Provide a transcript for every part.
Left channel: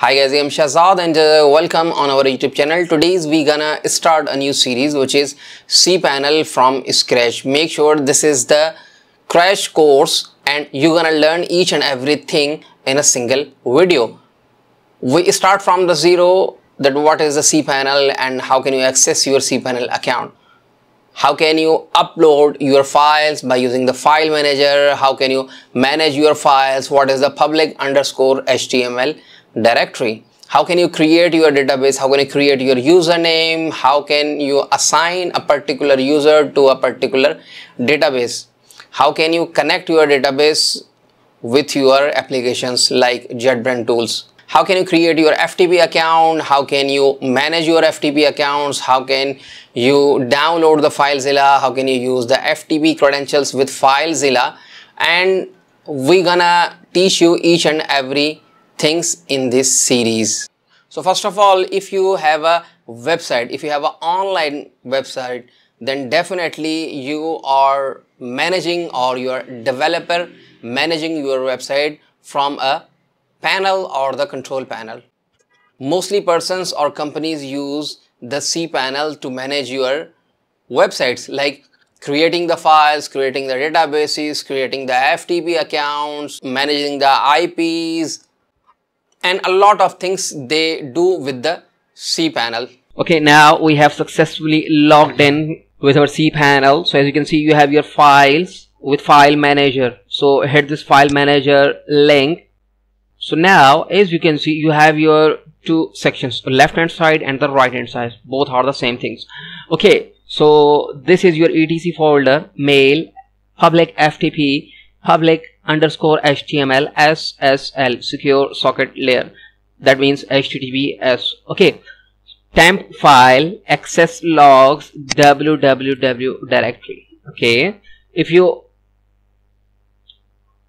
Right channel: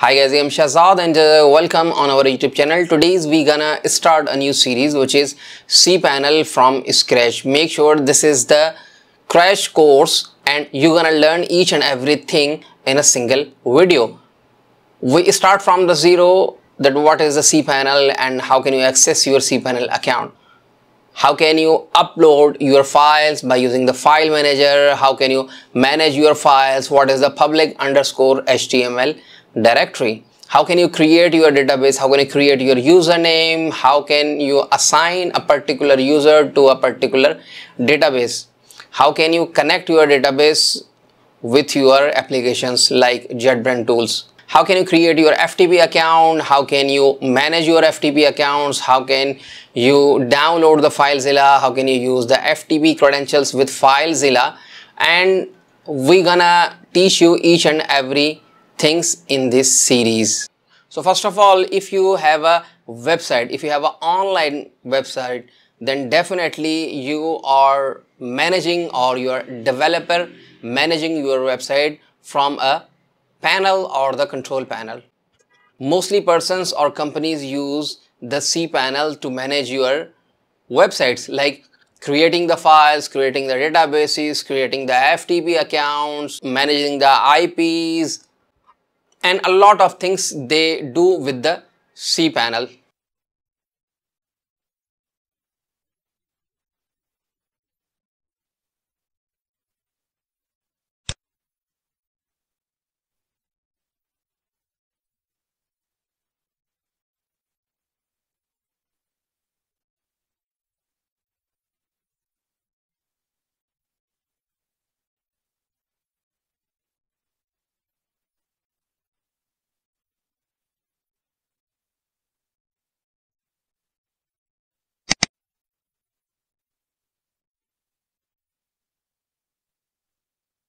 Hi guys, I am Shahzad and welcome on our YouTube channel. Today we gonna start a new series which is cPanel from scratch. Make sure this is the crash course and you're gonna learn each and everything in a single video. We start from the zero, that what is the cPanel and how can you access your cPanel account. How can you upload your files by using the file manager? How can you manage your files? What is the public_HTML directory? How can you create your database? How can you create your username? How can you assign a particular user to a particular database? How can you connect your database with your applications like JetBrains tools? How can you create your FTP account? How can you manage your FTP accounts? How can you download the FileZilla? How can you use the FTP credentials with FileZilla? And we're gonna teach you each and every things in this series. So first of all, if you have a website, if you have an online website, then definitely you are managing, or your developer managing your website from a panel or the control panel. Mostly persons or companies use the cPanel to manage your websites, like creating the files, creating the databases, creating the FTP accounts, managing the IPs, and a lot of things they do with the cPanel. Okay, now we have successfully logged in with our cPanel. So as you can see, you have your files with file manager. So hit this file manager link. So now as you can see, you have your two sections, the left hand side and the right hand side. Both are the same things. Okay, so this is your etc folder, mail, public FTP, public_HTML, SSL, secure socket layer. That means HTTPS. Okay, temp file, access logs, www directory. Okay, if you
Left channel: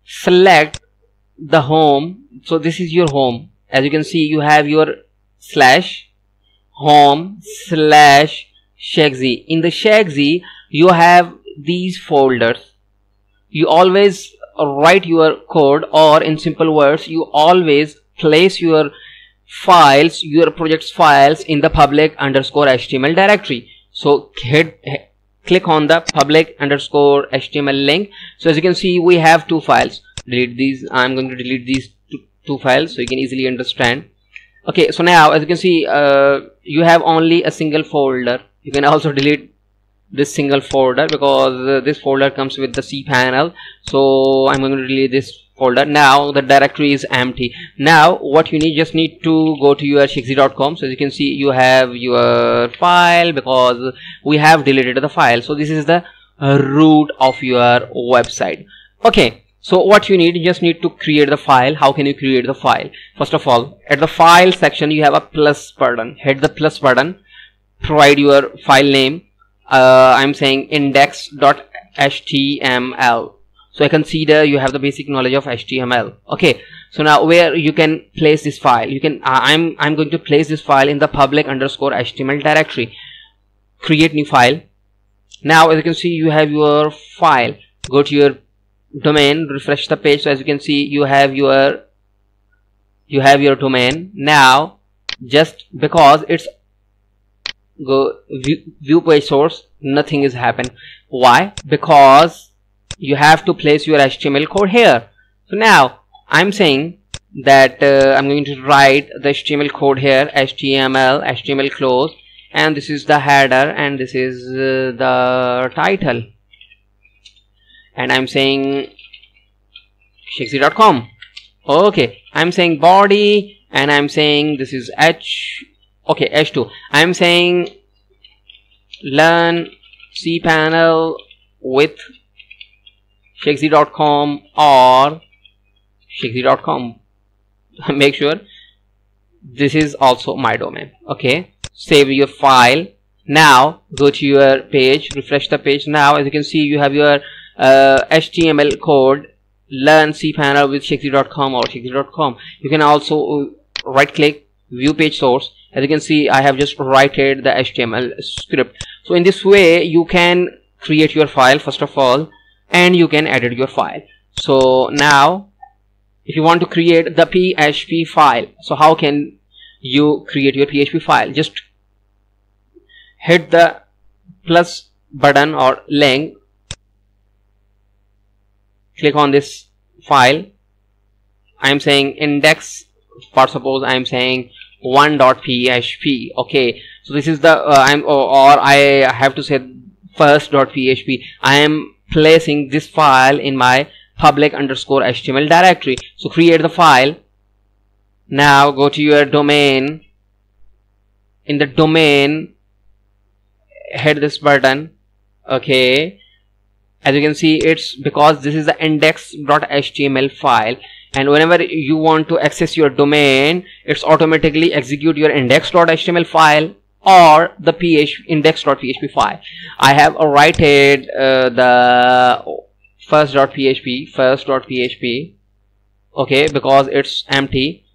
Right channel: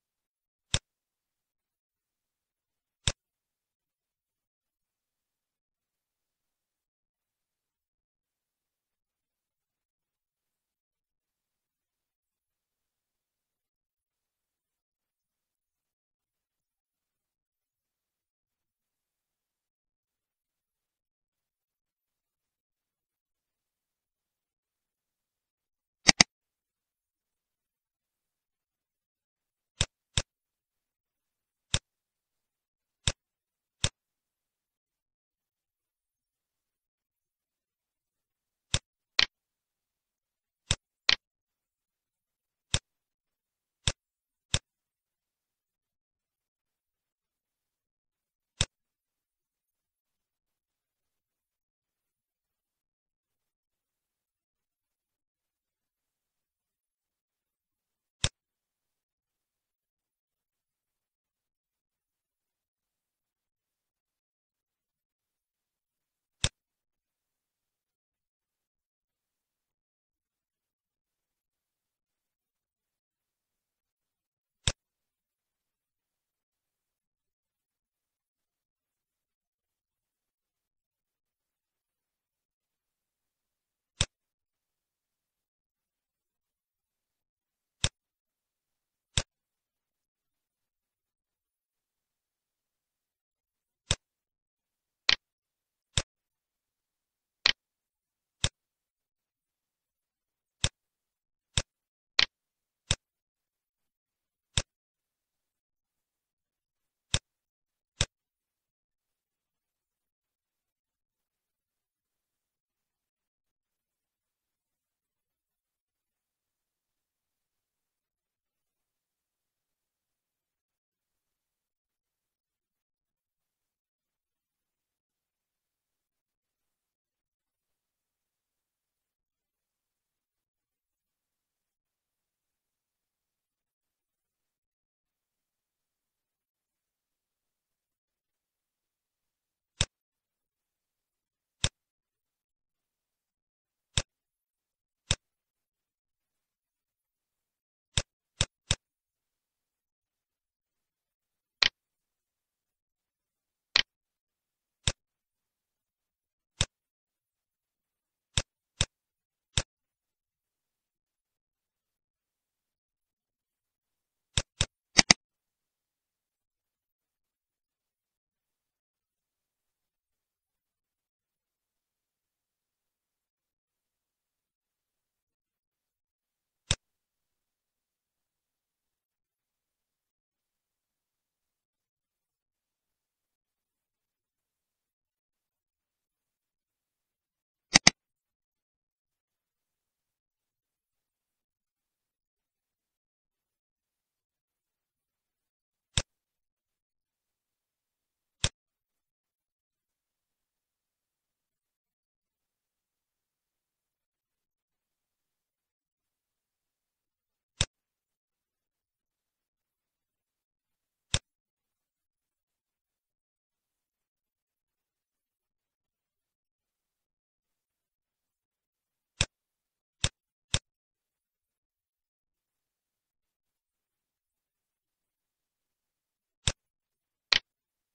select the home, so this is your home. As you can see, you have your /home/shagzy. In the shagzy, you have these folders. You always write your code, or in simple words, you always place your files, your project's files in the public_HTML directory. So click on the public_HTML link. So as you can see, we have two files. Delete these. I'm going to delete these two files so you can easily understand. Okay, so now as you can see, you have only a single folder. You can also delete this single folder because this folder comes with the cPanel. So I'm going to delete this folder. Now the directory is empty. Now what you need, just need to go to your shagzy.com. So as you can see, you have your file because we have deleted the file. So this is the root of your website. Okay, so what you need, you just need to create the file. How can you create the file? First of all, at the file section, you have a plus button. Hit the plus button, provide your file name. I'm saying index.html. So I consider you have the basic knowledge of HTML. Okay, so now where you can place this file, you can I'm going to place this file in the public_HTML directory. Create new file. Now as you can see, you have your file. Go to your domain, refresh the page. So as you can see, you have your domain. Now just because it's go view page source, nothing is happened. Why? Because you have to place your HTML code here. So now I'm saying that I'm going to write the HTML code here, HTML close, and this is the header and this is the title, and I'm saying shagzy.com. Okay, I'm saying body, and I'm saying this is H2. I'm saying learn cPanel with shagzy.com or shagzy.com. Make sure this is also my domain. Okay, save your file. Now go to your page, refresh the page. Now as you can see, you have your HTML code, learn cPanel with shagzy.com or shagzy.com. You can also right click, view page source. As you can see, I have just written the HTML script. So in this way, you can create your file first of all, and you can edit your file. So now if you want to create the PHP file, so how can you create your PHP file? Just hit the plus button or link, click on this file. I am saying index, for suppose I am saying 1.php. okay, so this is the or I have to say first.php. I am placing this file in my public underscore HTML directory. So create the file. Now go to your domain. In the domain, hit this button. Okay, as you can see, it's because this is the index.html file, and whenever you want to access your domain, it's automatically execute your index.html file or the index.php file. I have written the first.php, okay, because it's empty.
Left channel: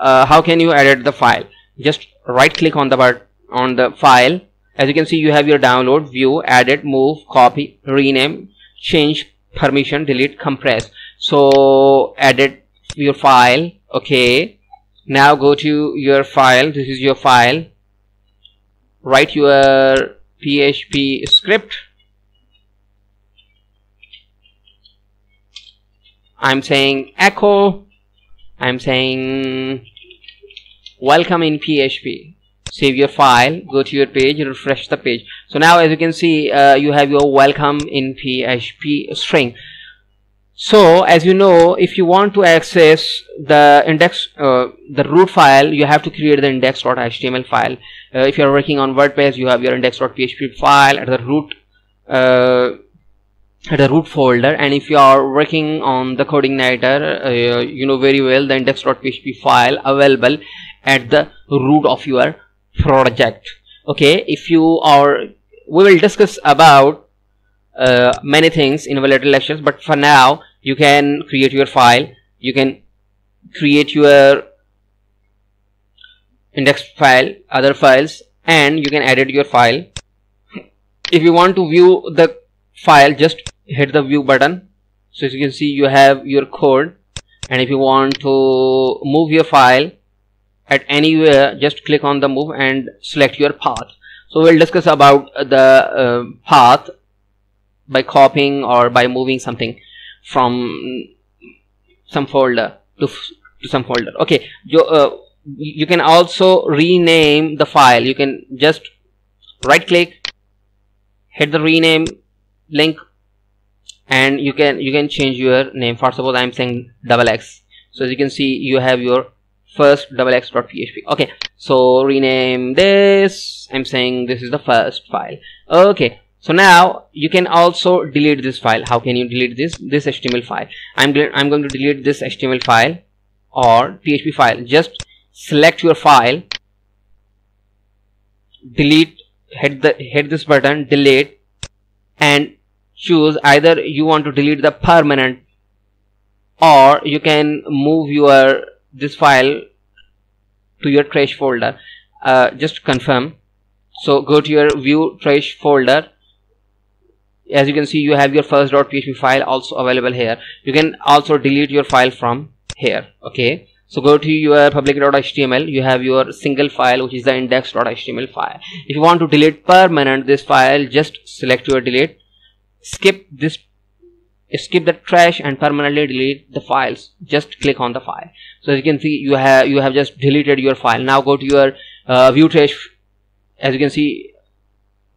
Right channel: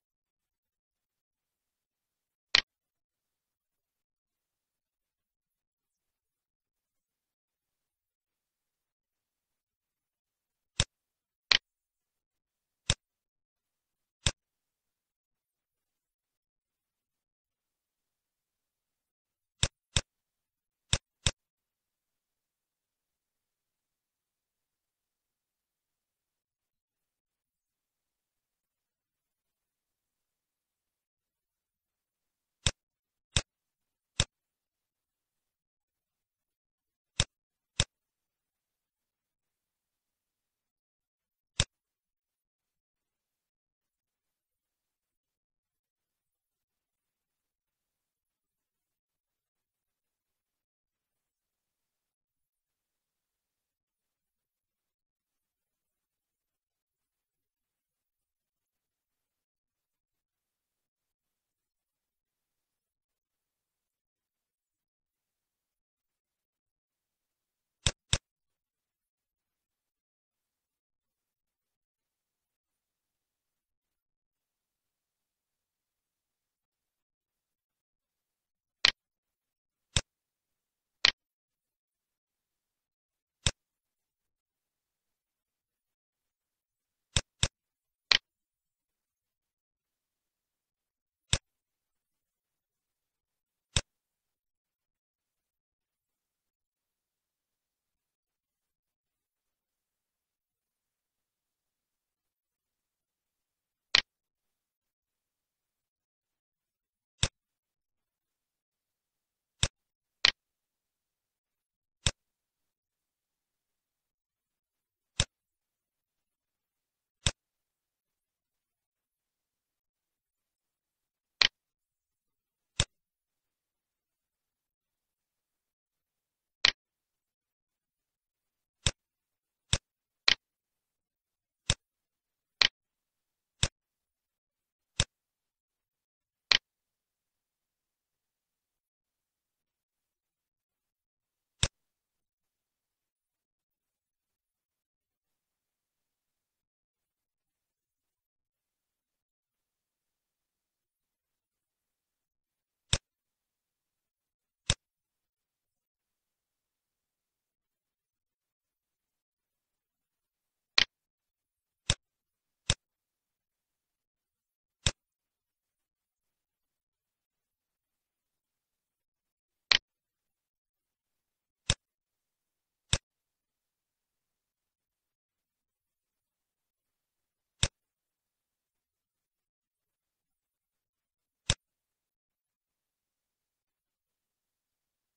How can you edit the file? Just right click on the file. As you can see, you have your download, view, edit, move, copy, rename, change, permission, delete, compress. So edit your file. Okay, now go to your file. This is your file. Write your PHP script. I'm saying echo. I'm saying welcome in PHP. Save your file, go to your page, refresh the page. So now as you can see, you have your welcome in PHP string. So as you know, if you want to access the index, the root file, you have to create the index.html file. If you are working on WordPress, you have your index.php file at the root folder, and if you are working on the CodeIgniter, you know very well the index.php file available at the root of your project. Okay, if you are, we will discuss about many things in our later lectures, but for now you can create your file, you can create your index file, other files, and you can edit your file. If you want to view the file, just hit the view button. So as you can see, you have your code, and if you want to move your file at anywhere, just click on the move and select your path. So we'll discuss about the path by copying or by moving something from some folder to some folder. Okay, you can also rename the file. You can just right click, hit the rename link, and you can change your name. For suppose I'm saying XX. So as you can see, you have your first XX.php. okay, so rename this. I'm saying this is the first file. Okay, so now you can also delete this file. How can you delete this HTML file? I'm going to delete this HTML file or PHP file. Just select your file, delete, hit this button, delete, and choose either you want to delete the permanent, or you can move your this file to your trash folder. Just confirm. So go to your view trash folder. As you can see, you have your first.php file also available here. You can also delete your file from here. Okay, so go to your public.html. You have your single file, which is the index.html file. If you want to delete permanent this file, just select your delete, skip the trash and permanently delete the files. Just click on the file. So as you can see, you have just deleted your file. Now go to your view trash. As you can see,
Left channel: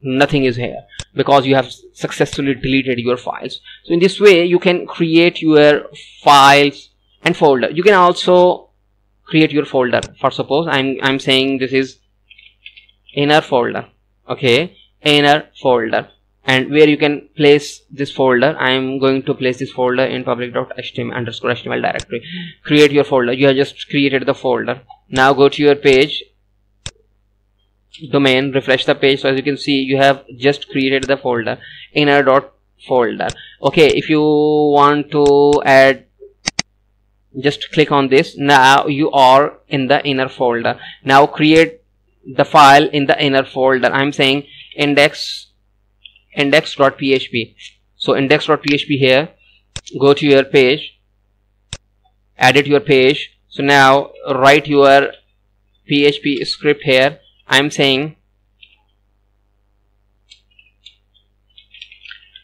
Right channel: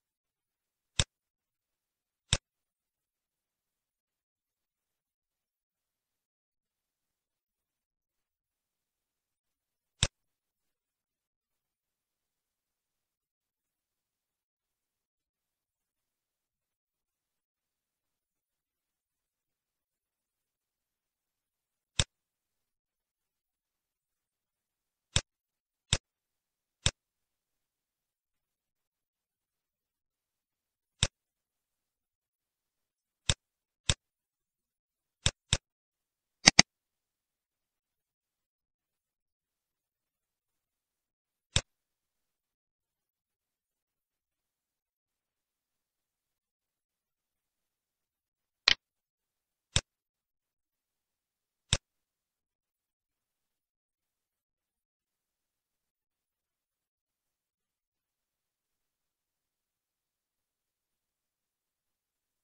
nothing is here because you have successfully deleted your files. So in this way you can create your files and folder. You can also create your folder. For suppose I'm saying this is inner folder. Okay, inner folder, and where you can place this folder. I'm going to place this folder in public.html_html directory. Create your folder. You have just created the folder. Now go to your page, domain, refresh the page. So as you can see, you have just created the folder, inner.folder. okay, if you want to add, just click on this. Now you are in the inner folder. Now create the file in the inner folder. I'm saying index.php. so index.php here. Go to your page, edit your page. So now write your PHP script here. I'm saying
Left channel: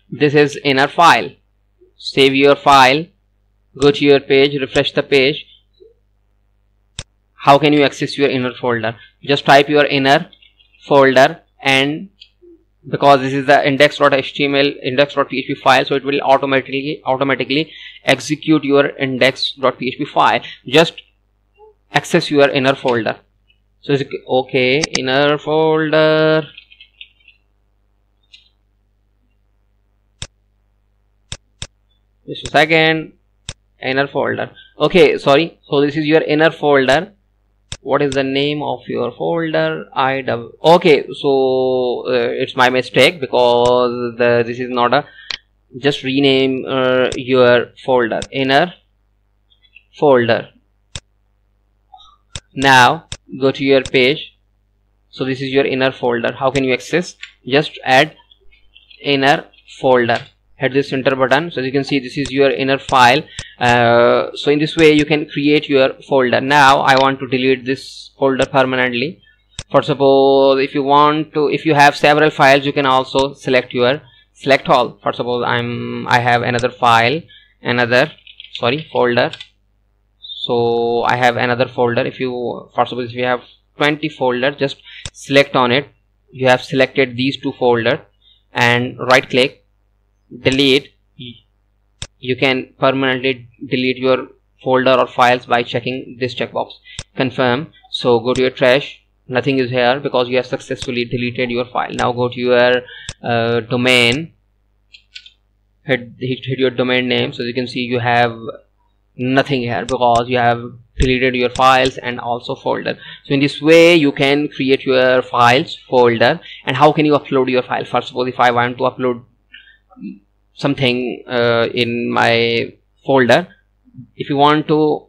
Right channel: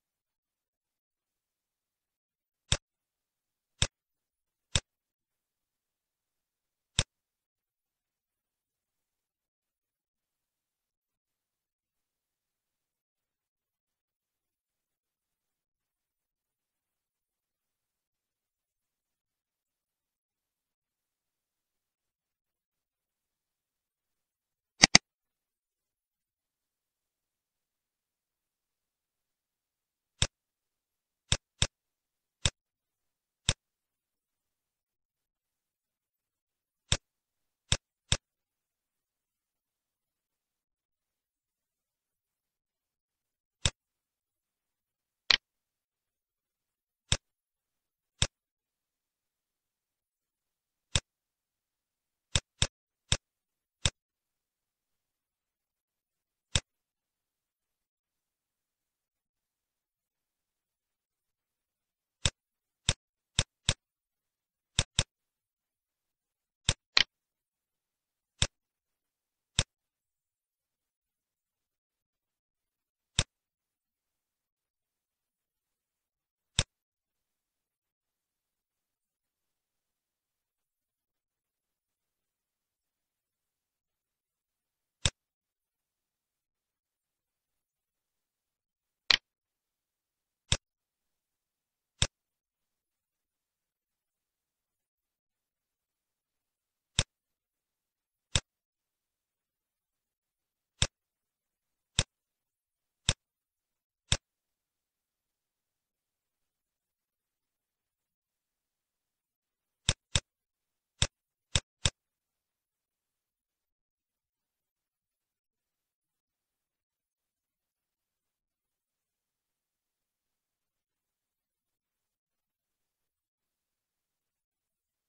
this is inner file. Save your file, go to your page, refresh the page. How can you access your inner folder? Just type your inner folder, and because this is the index.html index.php file, so it will automatically execute your index.php file. Just access your inner folder. So it's okay, inner folder. Just a second. Inner folder. Okay, sorry. So this is your inner folder. What is the name of your folder? Okay, so it's my mistake, because this is not a, just rename your folder, inner folder. Now go to your page. So this is your inner folder. How can you access? Just add inner folder, hit this enter button. So as you can see, this is your inner file. So in this way you can create your folder. Now I want to delete this folder permanently. For suppose if you want to, if you have several files, you can also select all. For suppose I have another file, folder. So I have another folder. If you, for suppose if you have 20 folders, just select on it. You have selected these 2 folders and right click, delete. You can permanently delete your folder or files by checking this checkbox, confirm. So go to your trash, nothing is here because you have successfully deleted your file. Now go to your domain, hit your domain name. So as you can see, you have nothing here because you have deleted your files and also folder. So in this way you can create your files folder. And how can you upload your file? First of all, if I want to upload something in my folder, if you want to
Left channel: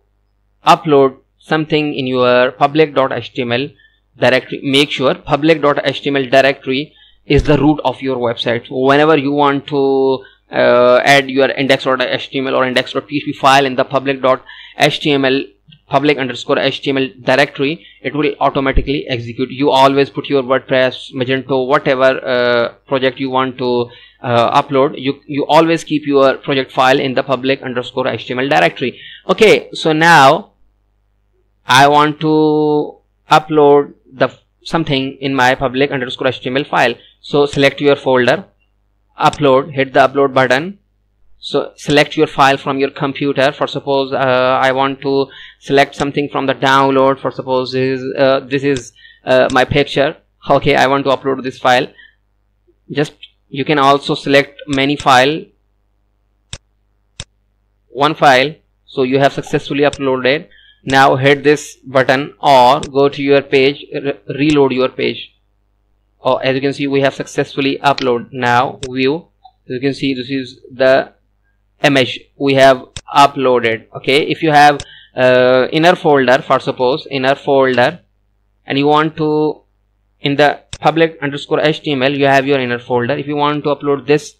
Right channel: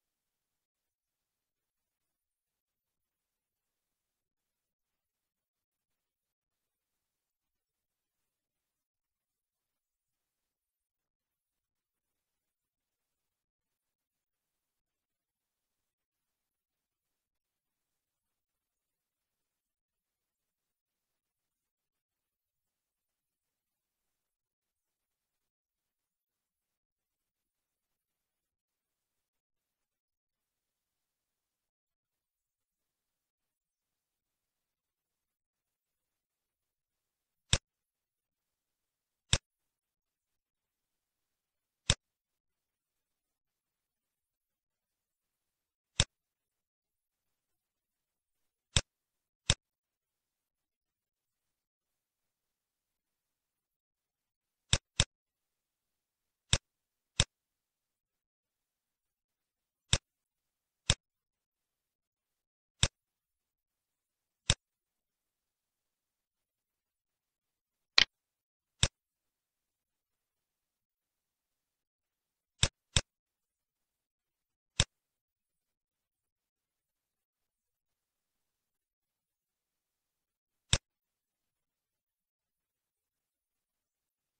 upload something in your public.html directory, make sure public.html directory is the root of your website. So whenever you want to add your index.html or index.php file in the public.html public_html directory, it will automatically execute. You always put your WordPress, Magento, whatever project you want to upload, you always keep your project file in the public_html directory. Okay, so now I want to upload something in my public_html file. So select your folder, upload, hit the upload button. So select your file from your computer. For suppose I want to select something from the download. For suppose this is my picture. Okay, I want to upload this file. Just you can also select many file, one file. So you have successfully uploaded. Now hit this button or go to your page, reload your page. Oh, as you can see, we have successfully uploaded. Now view, as you can see, this is the image we have uploaded. Okay, if you have inner folder, for suppose inner folder, and you want to, in the public_html you have your inner folder. If you want to upload this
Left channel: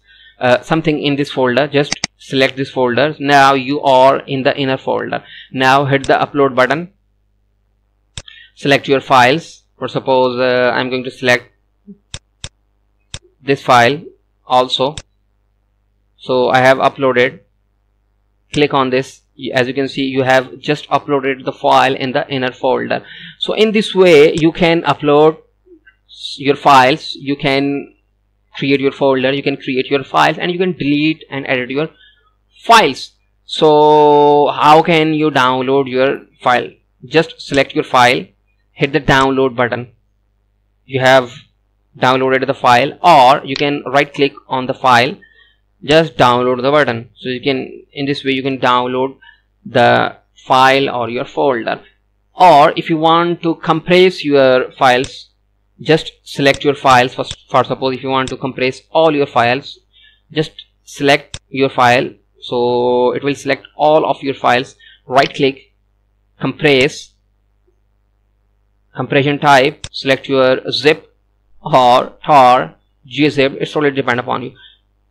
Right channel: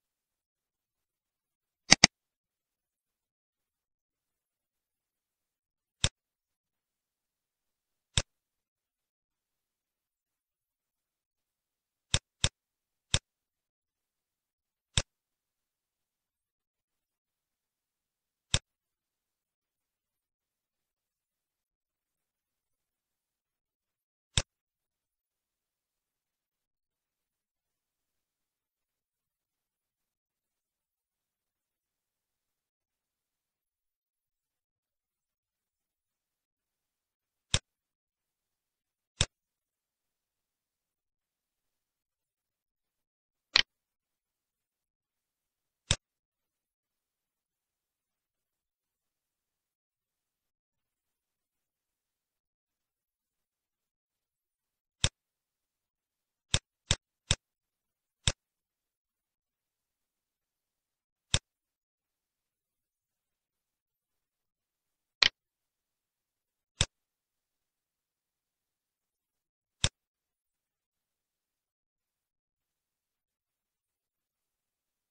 something in this folder, just select this folder. Now you are in the inner folder. Now hit the upload button, select your files. For suppose I'm going to select this file also. So I have uploaded, click on this. As you can see, you have just uploaded the file in the inner folder. So in this way you can upload your files, you can create your folder, you can create your files, and you can delete and edit your files. So how can you download your file? Just select your file, hit the download button. You have downloaded the file, or you can right click on the file, just download the button. So you can, in this way you can download the file or your folder. Or if you want to compress your files, just select your files. For suppose if you want to compress all your files, just select your file. So it will select all of your files, right click, compress, compression type, select your zip or tar, gzip, it's totally depend upon you,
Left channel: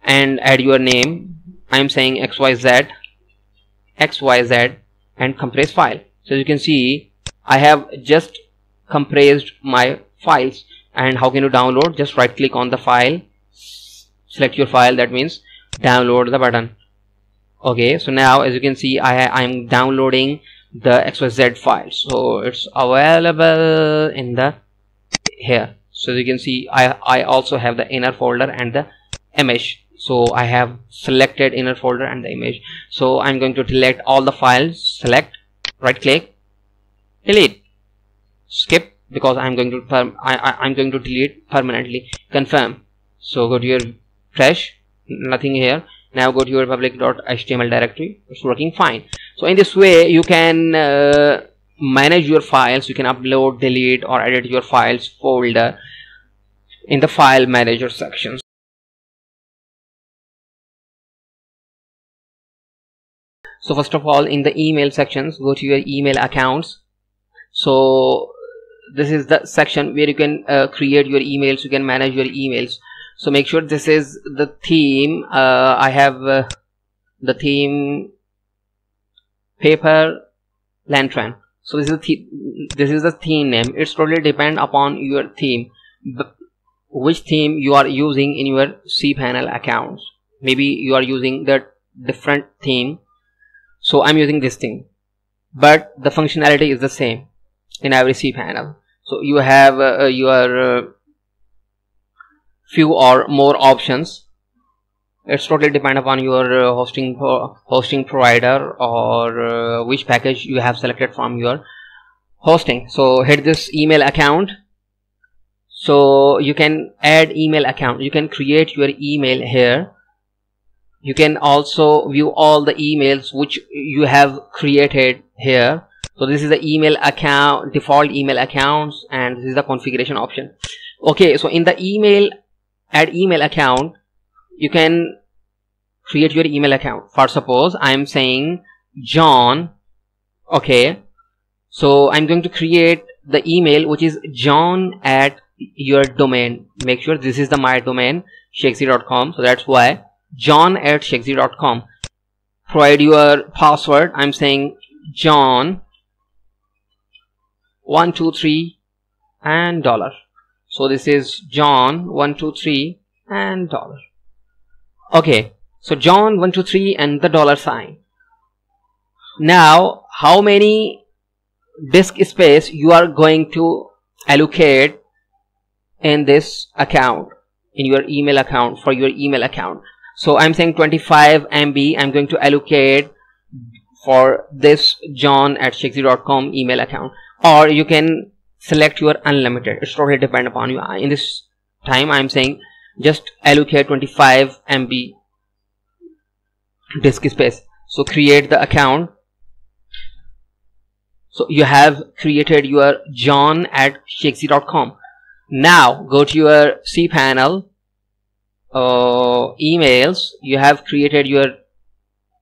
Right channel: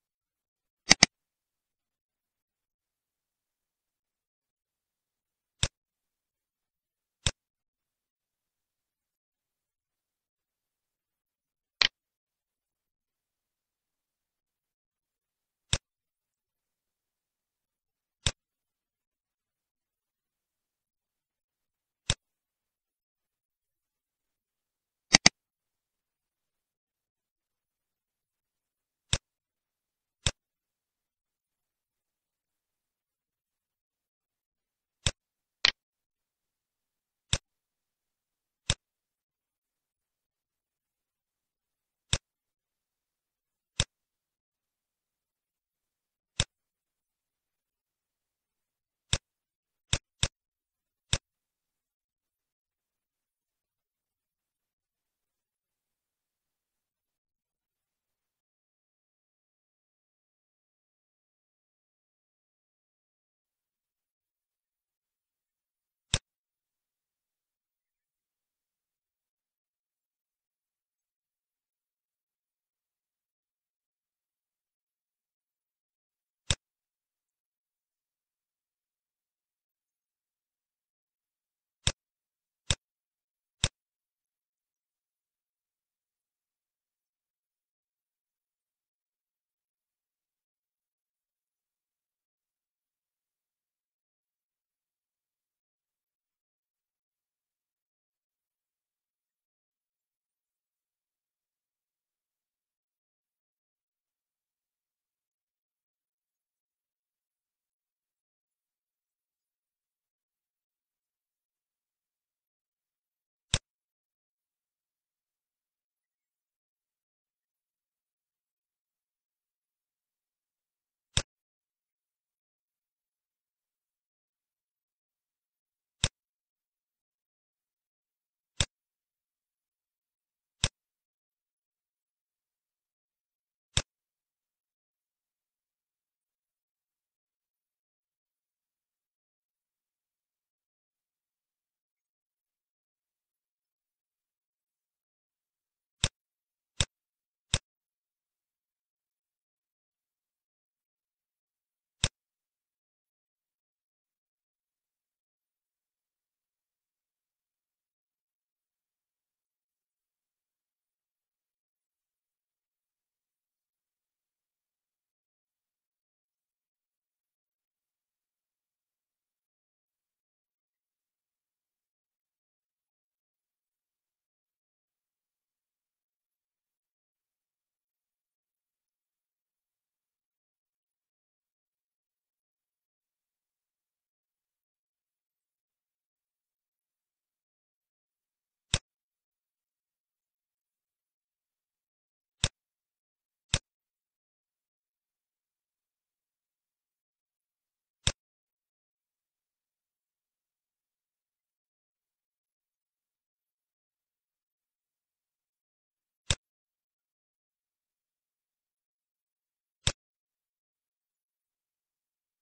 and add your name. I'm saying XYZ, and compress file. So as you can see, I have just compressed my files. And how can you download? Just right click on the file, select your file, that means download the button. Okay, so now as you can see, I'm downloading the XYZ file. So it's available in the here. So as you can see, I also have the inner folder and the image. So I have selected inner folder and the image. So I'm going to delete all the files. Select, right click, delete, skip, because I'm going to delete permanently. Confirm. So go to your trash, nothing here. Now go to your public.html directory. It's working fine. So in this way you can manage your files. You can upload, delete, or edit your files folder in the file manager section. So first of all, in the email sections, go to your email accounts. So this is the section where you can create your emails, you can manage your emails. So make sure this is the theme. I have the theme paper lantern. So this is the theme name. It's totally depend upon your theme, which theme you are using in your cPanel accounts. Maybe you are using the different theme. So I'm using this theme, but the functionality is the same in every cPanel. So you have your few or more options. It's totally depend upon your hosting provider, or which package you have selected from your hosting. So hit this email account. So you can add email account. You can create your email here. You can also view all the emails which you have created here. So this is the email account, default email accounts, and this is the configuration option. Okay, so in the email, add email account, you can create your email account. For suppose I'm saying John. Okay, so I'm going to create the email which is John at your domain. Make sure this is the my domain, shakesy.com. So that's why John at shakesy.com. Provide your password. I'm saying John 123 and $. So this is John 123 and $. Okay, so John 123 and the $sign. Now how many disk space you are going to allocate in this account, in your email account, for your email account? So I'm saying 25 MB I'm going to allocate for this John at shakesy.com email account. Or you can select your unlimited. It's totally depend upon you. In this time I'm saying just allocate 25 MB disk space. So create the account. So you have created your John at shakesy.com. Now go to your cPanel emails. You have created your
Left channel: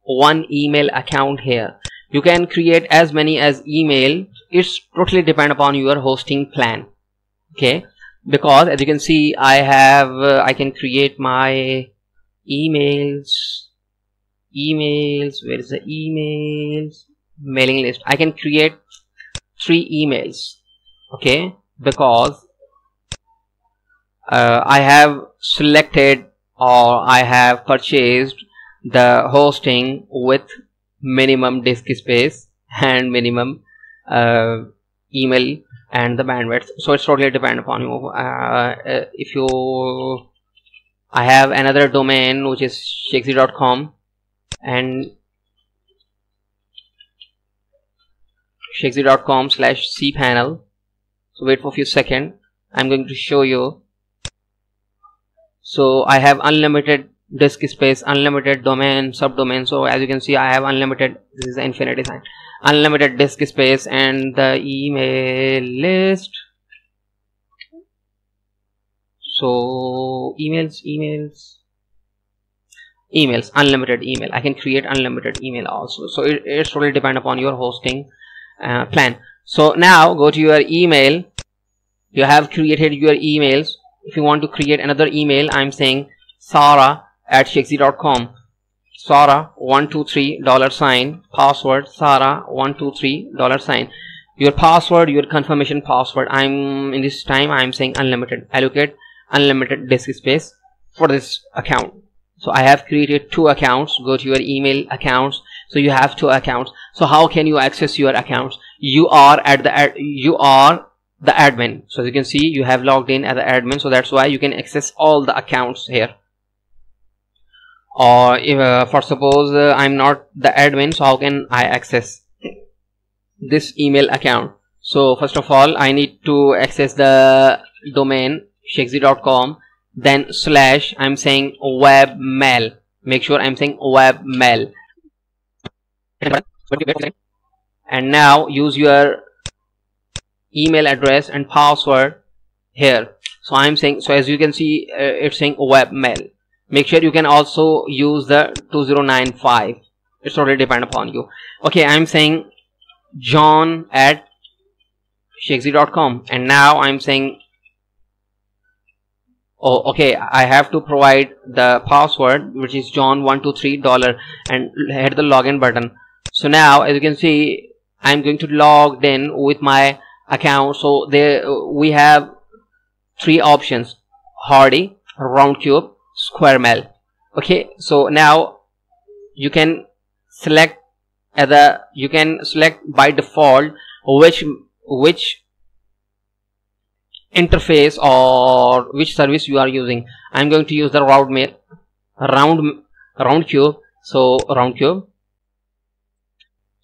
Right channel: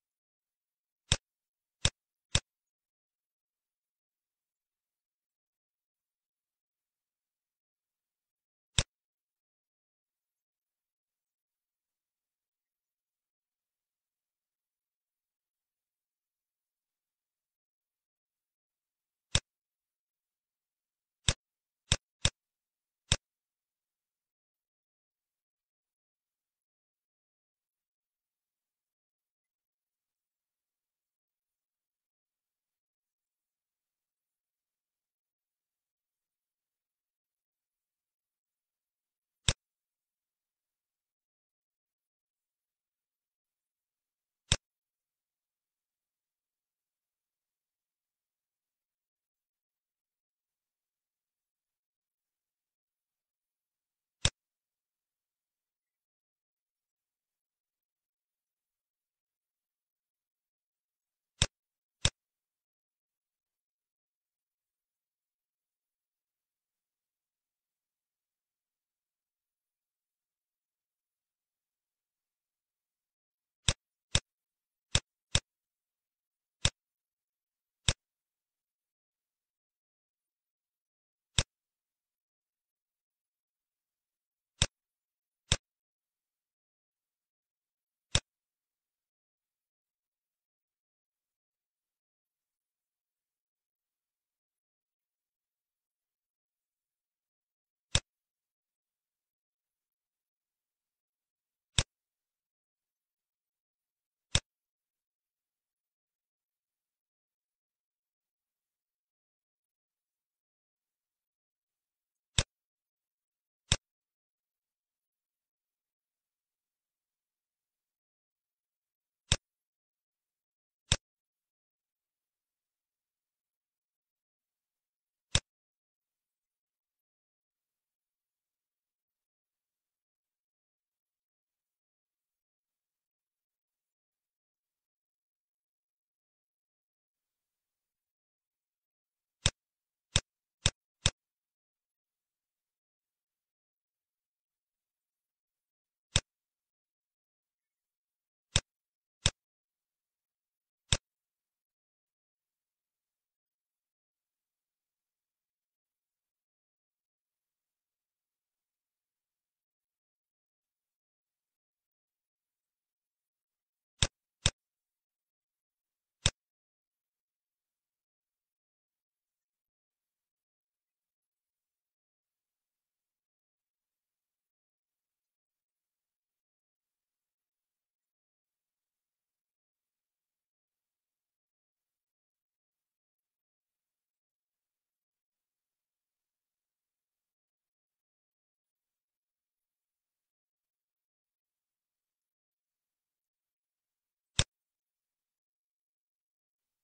one email account here. You can create as many as email. It's totally depend upon your hosting plan. Okay, because as you can see, I can create my emails. Where is the emails? Mailing list. I can create 3 emails. Okay, because I have selected, or I have purchased the hosting with minimum disk space and minimum email and the bandwidth. So it's totally depend upon you. If you, I have another domain which is shakesy.com and shakesy.com/cPanel. So wait for a few seconds. I'm going to show you. So I have unlimited disk space, unlimited domain, subdomain. So as you can see, I have unlimited. This is the infinity sign. Unlimited disk space and the email list. So emails, unlimited email. I can create unlimited email also. So it's totally depend upon your hosting plan. So now go to your email. You have created your emails. If you want to create another email, I'm saying Sarah at shakesy.com. Sarah123 $, password Sarah123 $. Your password, your confirmation password. I'm in this time I'm saying unlimited. Allocate unlimited disk space for this account. So I have created 2 accounts. Go to your email accounts. So you have 2 accounts. So how can you access your accounts? You are the admin. So as you can see, you have logged in as the admin. So that's why you can access all the accounts here. Or if for suppose I'm not the admin, so how can I access this email account? So first of all, I need to access the domain shakesy.com, then slash, I'm saying webmail. Make sure I'm saying webmail. And now use your email address and password here. So I'm saying, so as you can see, it's saying webmail. Make sure you can also use the 2095. It's totally depend upon you. Okay, I'm saying john@shakesy.com, and now I'm saying, oh okay, I have to provide the password, which is john123 and hit the login button. So now as you can see, I'm going to log in with my account. So there we have 3 options: Hardy, Roundcube, Square Mail. Okay, so now you can select by default which interface or which service you are using. I'm going to use the Roundcube. So Roundcube.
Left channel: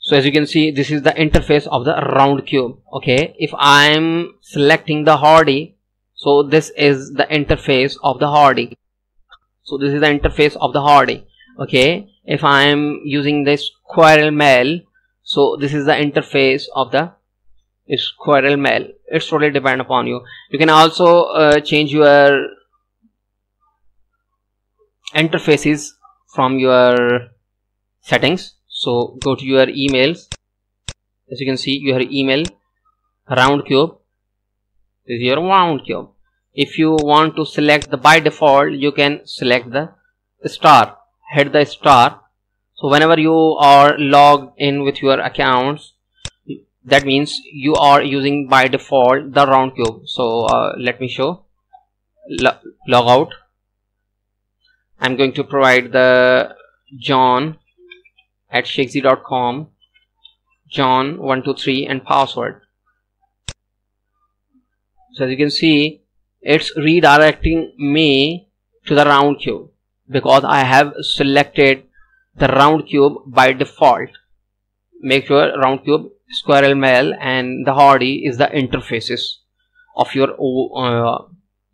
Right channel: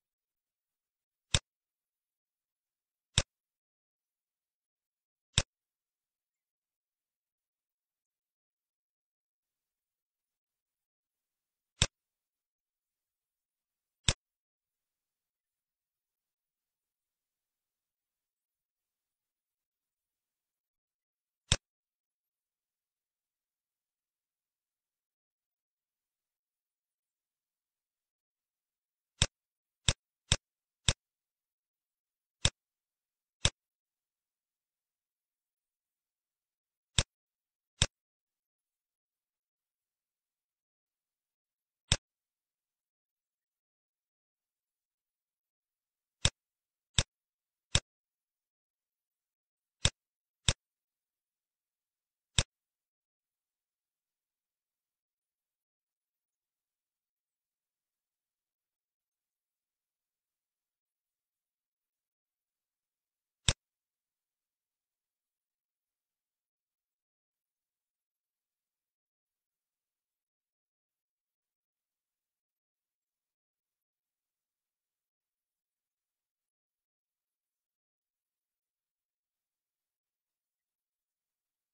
So as you can see, this is the interface of the Roundcube. Okay, if I'm selecting the Hardy, so this is the interface of the Hardy. So this is the interface of the Hardy. Okay, if I am using this Squirrel Mail, so this is the interface of the Squirrel Mail. It's totally depend upon you. You can also change your interfaces from your settings. So go to your emails. As you can see, your email Roundcube. This is your Roundcube. If you want to select the by default, you can select the star. Hit the star. So whenever you are logged in with your accounts, that means you are using by default the Roundcube. So let me show. Log out. I'm going to provide the john@shakesy.com, john123 and password. So as you can see, it's redirecting me to the Roundcube because I have selected the Roundcube by default. Make sure Roundcube, Squirrel Mail and the Hardy is the interfaces of your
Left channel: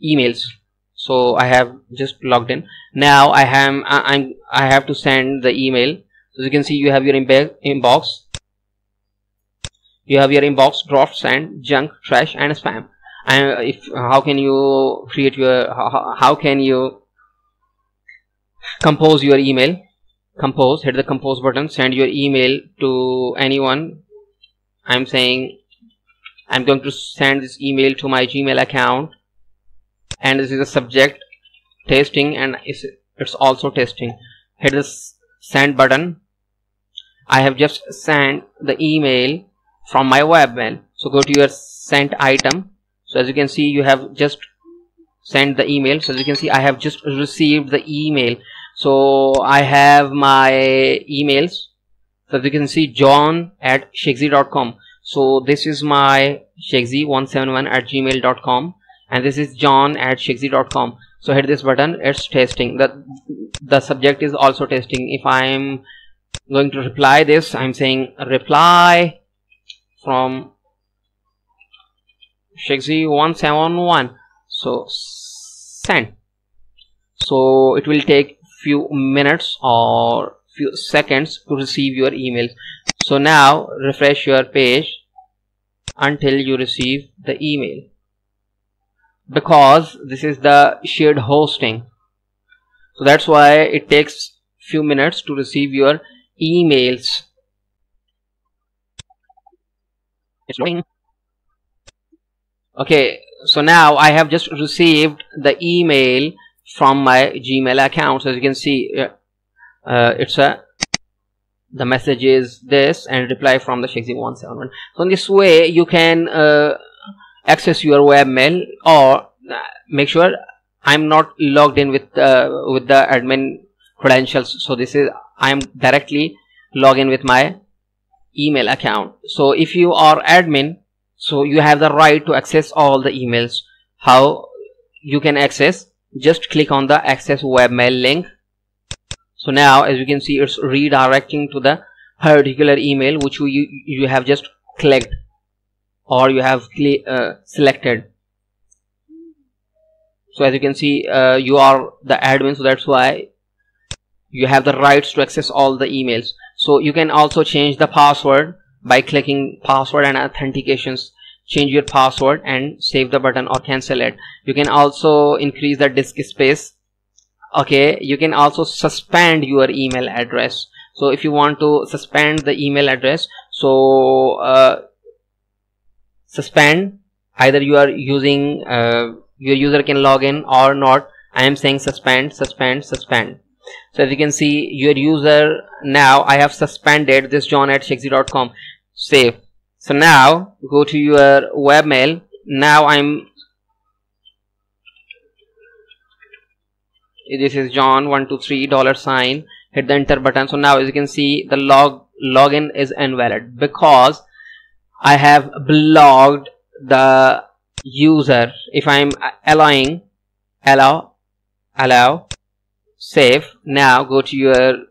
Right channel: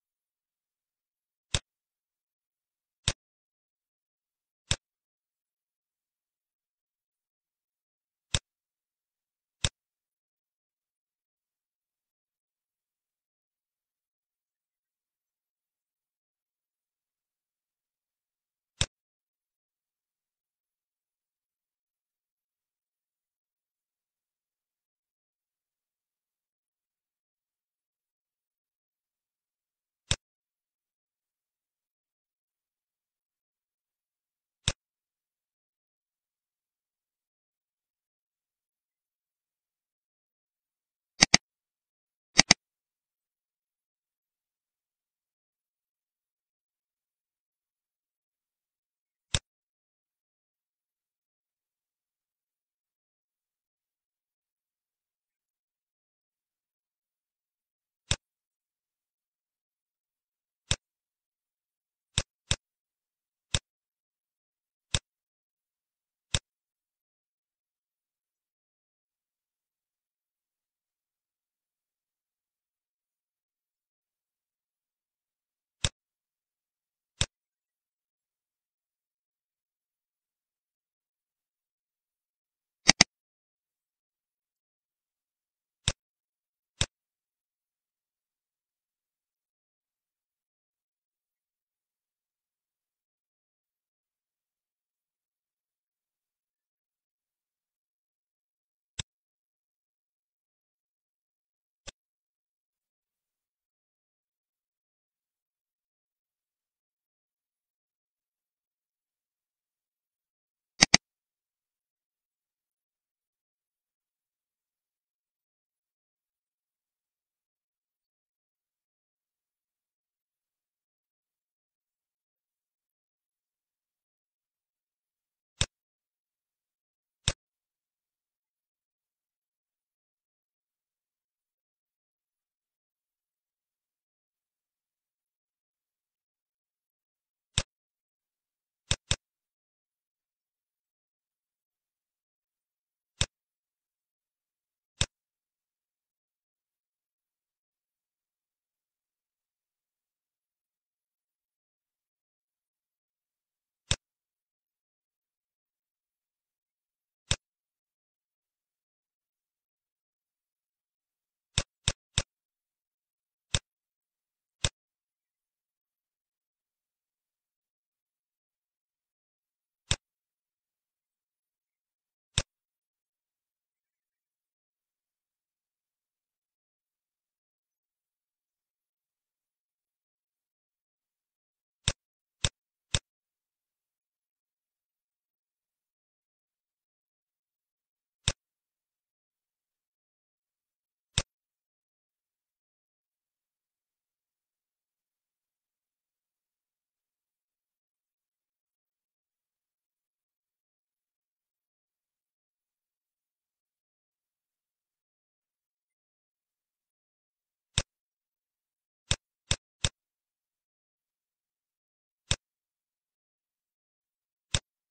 emails. So I have just logged in. Now I have to send the email. As you can see, you have your inbox. You have your inbox, draft, send, junk, trash and spam. And how can you create your how can you compose your email? Compose, hit the compose button, send your email to anyone. I'm saying I'm going to send this email to my Gmail account, and this is the subject, testing, and it's also testing. Hit the send button. I have just sent the email from my webmail. So go to your sent item. So as you can see, you have just sent the email. So as you can see, I have just received the email. So I have my emails. So as you can see, john@shakesy.com. So this is my shakesy171@gmail.com, and this is john@shakesy.com. So hit this button. It's testing. The subject is also testing. If I'm going to reply this, I'm saying reply from Shakesy171. So send. So it will take few minutes or few seconds to receive your email. So now refresh your page until you receive the email, because this is the shared hosting. So that's why it takes few minutes to receive your emails. It's loading. Okay, so now I have just received the email from my Gmail account. So as you can see, it's a the message is this and reply from the Shakesy 171. So in this way you can access your webmail, or make sure I'm not logged in with the admin credentials. So this is I'm directly log in with my email account. So if you are admin, so you have the right to access all the emails. How you can access? Just click on the access webmail link. So now as you can see, it's redirecting to the particular email which you have just clicked or you have selected. So as you can see, you are the admin, so that's why you have the rights to access all the emails. So you can also change the password by clicking password and authentications. Change your password and save the button or cancel it. You can also increase the disk space. Okay, you can also suspend your email address. So if you want to suspend the email address, so suspend, either you are using your user can log in or not. I am saying suspend. So as you can see, your user, now I have suspended this john@shakesy.com. Save. So now go to your webmail. Now this is John123 $, hit the enter button. So now as you can see, the login is invalid because I have blocked the user. If I'm allowing, allow, save. Now go to your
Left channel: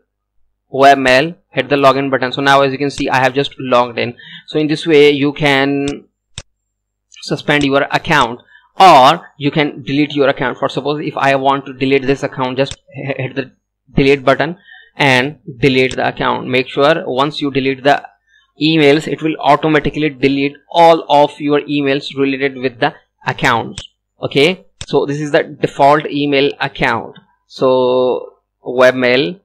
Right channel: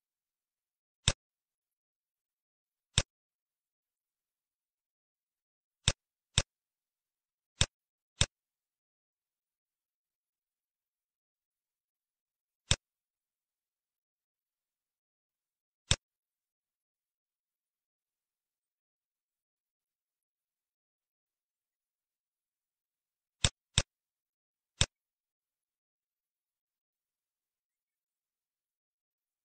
webmail, hit the login button. So now as you can see, I have just logged in. So in this way you can suspend your account, or you can delete your account. For suppose if I want to delete this account, just hit the delete button and delete the account. Make sure once you delete the emails, it will automatically delete all of your emails related with the accounts. Okay, so this is the default email account. So webmail,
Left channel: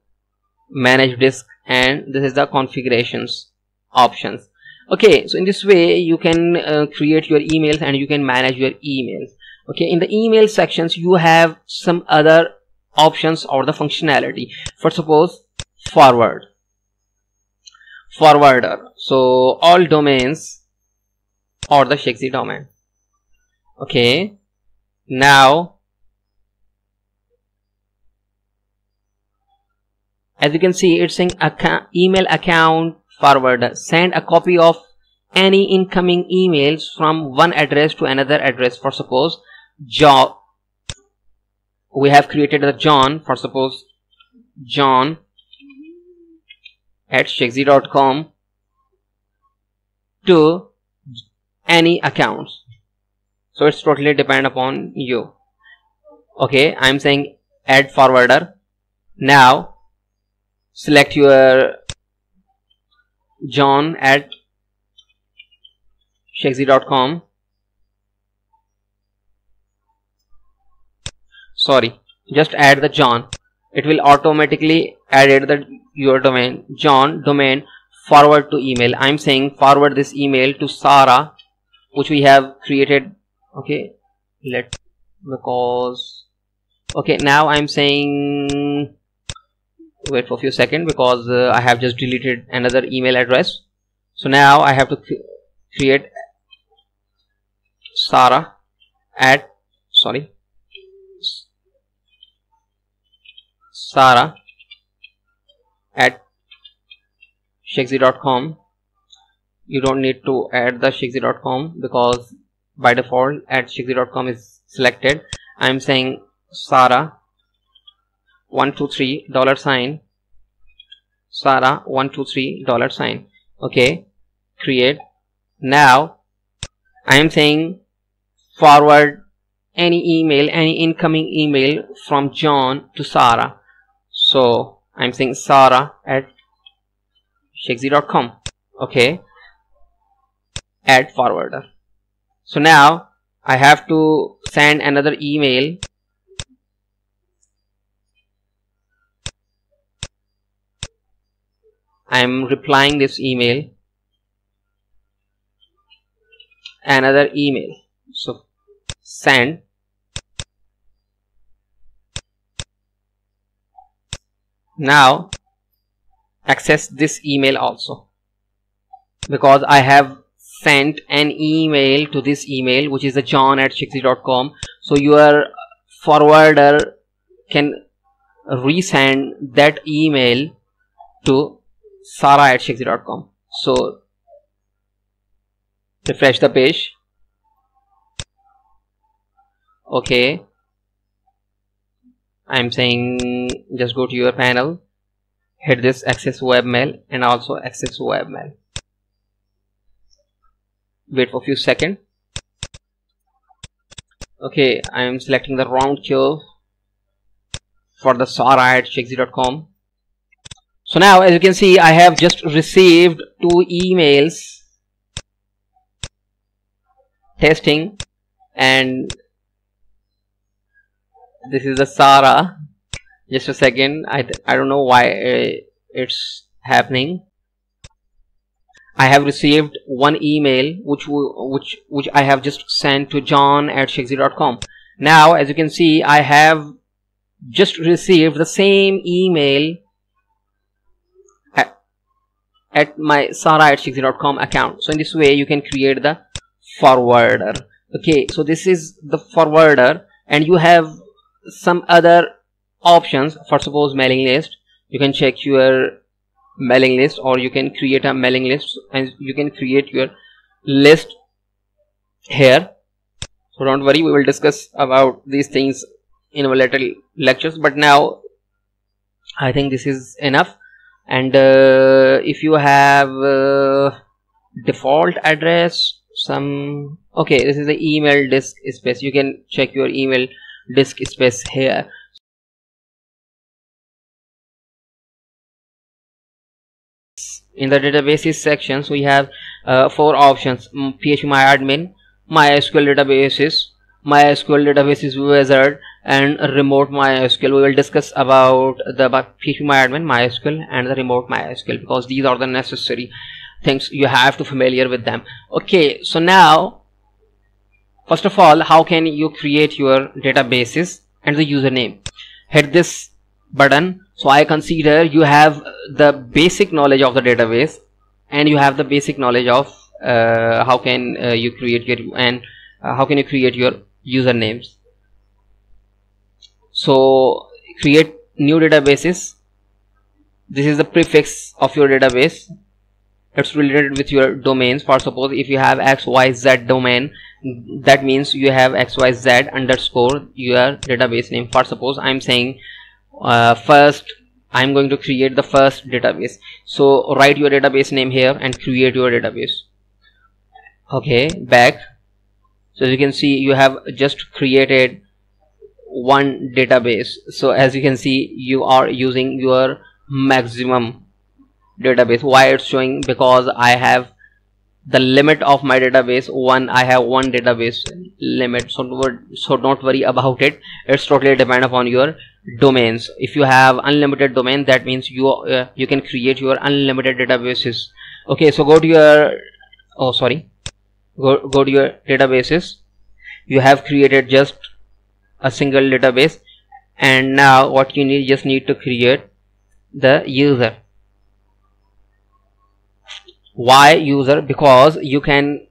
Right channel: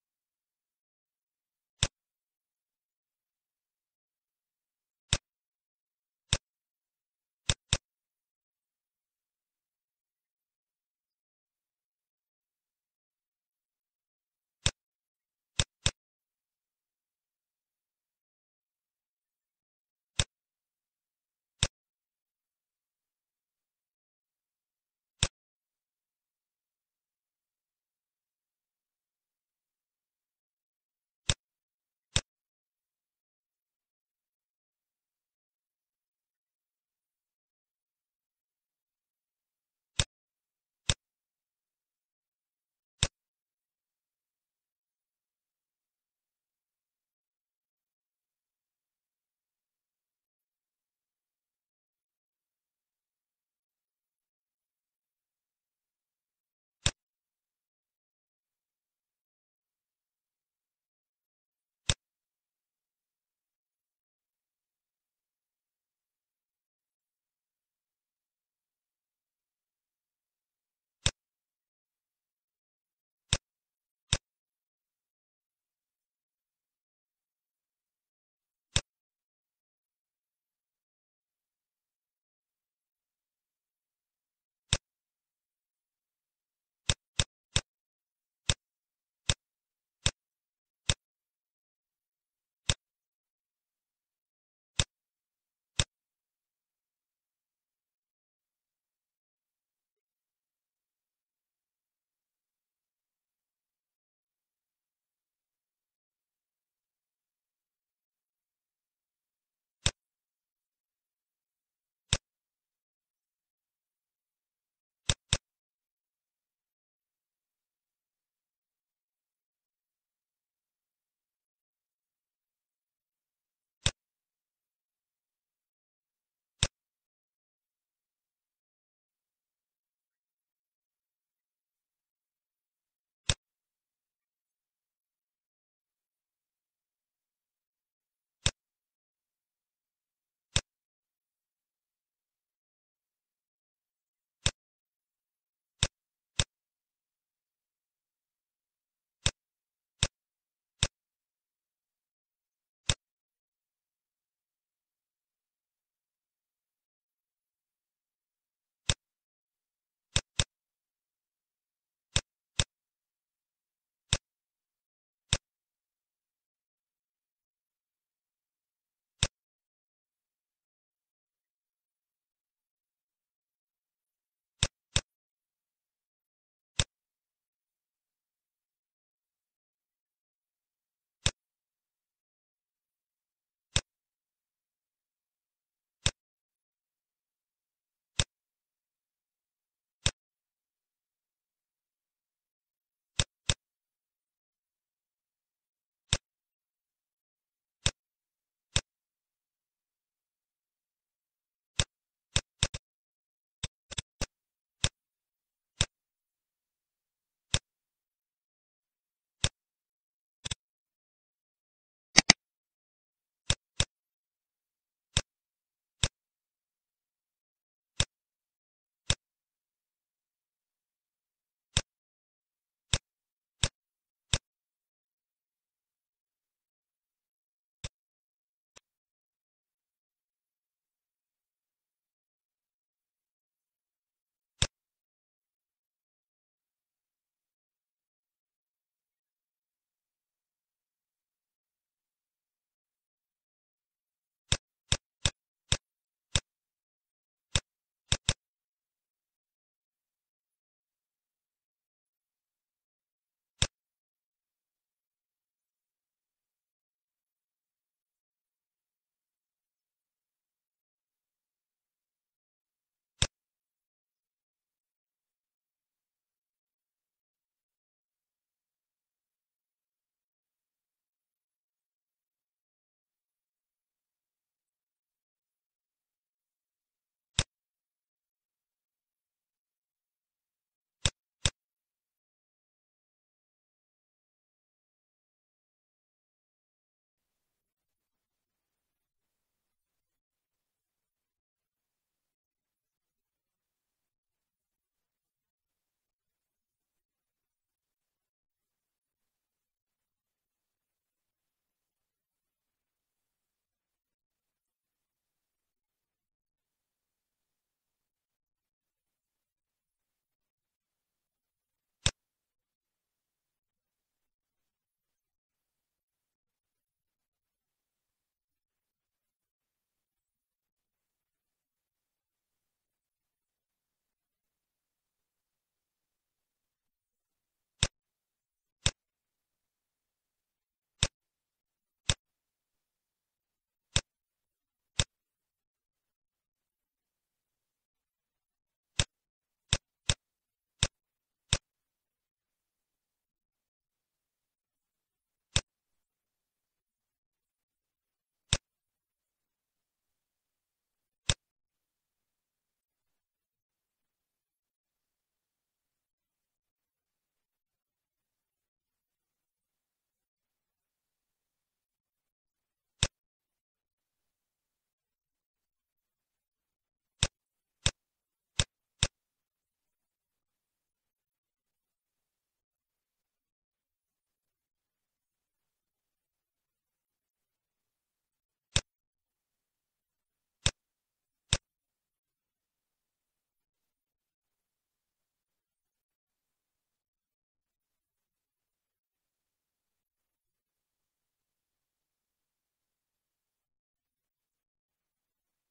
manage disk, and this is the configurations options. Okay, so in this way you can create your emails and you can manage your emails. Okay, in the email sections you have some other options or the functionality. For suppose forward, forwarder. So all domains or the Shakesy domain. Okay, now as you can see, it's saying email account forwarder. Send a copy of any incoming emails from one address to another address. For suppose John, we have created the John. For suppose John@shakesy.com to any accounts. So it's totally depend upon you. Okay, I'm saying add forwarder. Now select your John@shakesy.com. Sorry, just add the John. It will automatically add your domain, John domain, forward to email. I'm saying forward this email to Sarah, which we have created. Okay, okay, now I'm saying, wait for a few seconds because I have just deleted another email address. So now I have to create Sarah at Shakesy.com. You don't need to add the Shakesy.com because by default @shakesy.com is selected. I'm saying Sarah 123 $, Sarah 123 $. Okay, create. Now I am saying forward any email, any incoming email from John to Sarah. So I'm saying Sarah@shakesy.com. Okay, add forwarder. So now I have to send another email. I'm replying this email, another email. So send. Now access this email also, because I have sent an email to this email, which is the john@shikzi.com. so your forwarder can resend that email to sarah@shikzi.com. so refresh the page. Okay, I'm saying just go to your panel, hit this access webmail and also access webmail. Wait for a few seconds. Okay, I am selecting the round curve for the sarah@shikzi.com. so now as you can see, I have just received 2 emails testing, and this is the Sarah. Just a second, I don't know why it's happening. I have received 1 email which I have just sent to john@shikzi.com. now as you can see, I have just received the same email at my sarah@shikzi.com account. So in this way you can create the forwarder. Okay, so this is the forwarder, and you have some other options. For suppose mailing list, you can check your mailing list, or you can create a mailing list, and you can create your list here. So don't worry, we will discuss about these things in our later lectures, but now I think this is enough. And if you have default address, okay, this is the email disk space. You can check your email disk space here. In the databases section, so we have 4 options: phpMyAdmin, MySQL databases, MySQL databases wizard, and remote MySQL. We will discuss about the phpMyAdmin, MySQL, and the remote MySQL, because these are the necessary things you have to familiar with them. Okay, so now first of all, how can you create your databases and the username? Hit this button. So I consider you have the basic knowledge of the database, and you have the basic knowledge of how can you create your usernames. So create new databases. This is the prefix of your database. It's related with your domains. For suppose if you have XYZ domain, that means you have XYZ underscore your database name. For suppose I'm saying first, I'm going to create the first database. So write your database name here and create your database. Okay, back. So as you can see, you have just created 1 database. So as you can see, you are using your maximum database. Why it's showing? Because I have the limit of my database 1. I have 1 database limit, so don't worry about it. It's totally depend upon your domains. If you have unlimited domain, that means you can create your unlimited databases. Okay, so go to your go to your databases. You have created just a single database, and now what you need, just need to create the user. Why user? Because you can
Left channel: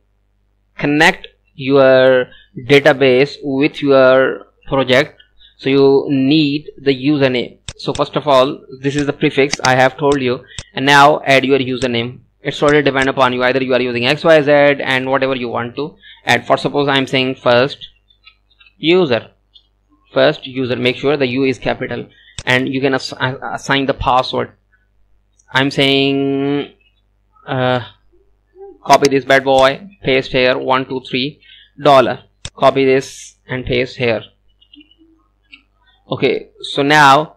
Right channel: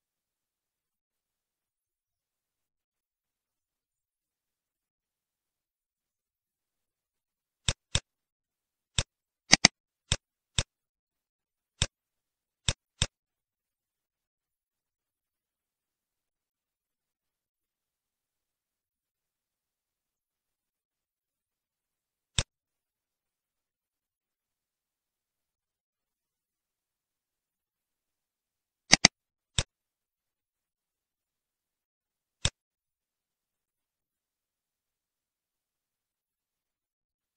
connect your database with your project, so you need the username. So first of all, this is the prefix I have told you, and now add your username. It's totally depend upon you. Either you are using XYZ and whatever you want to add. For suppose I'm saying first user. Make sure the U is capital, and you can assign the password. I'm saying copy this bad boy, paste here, $123. Copy this and paste here. Okay, so now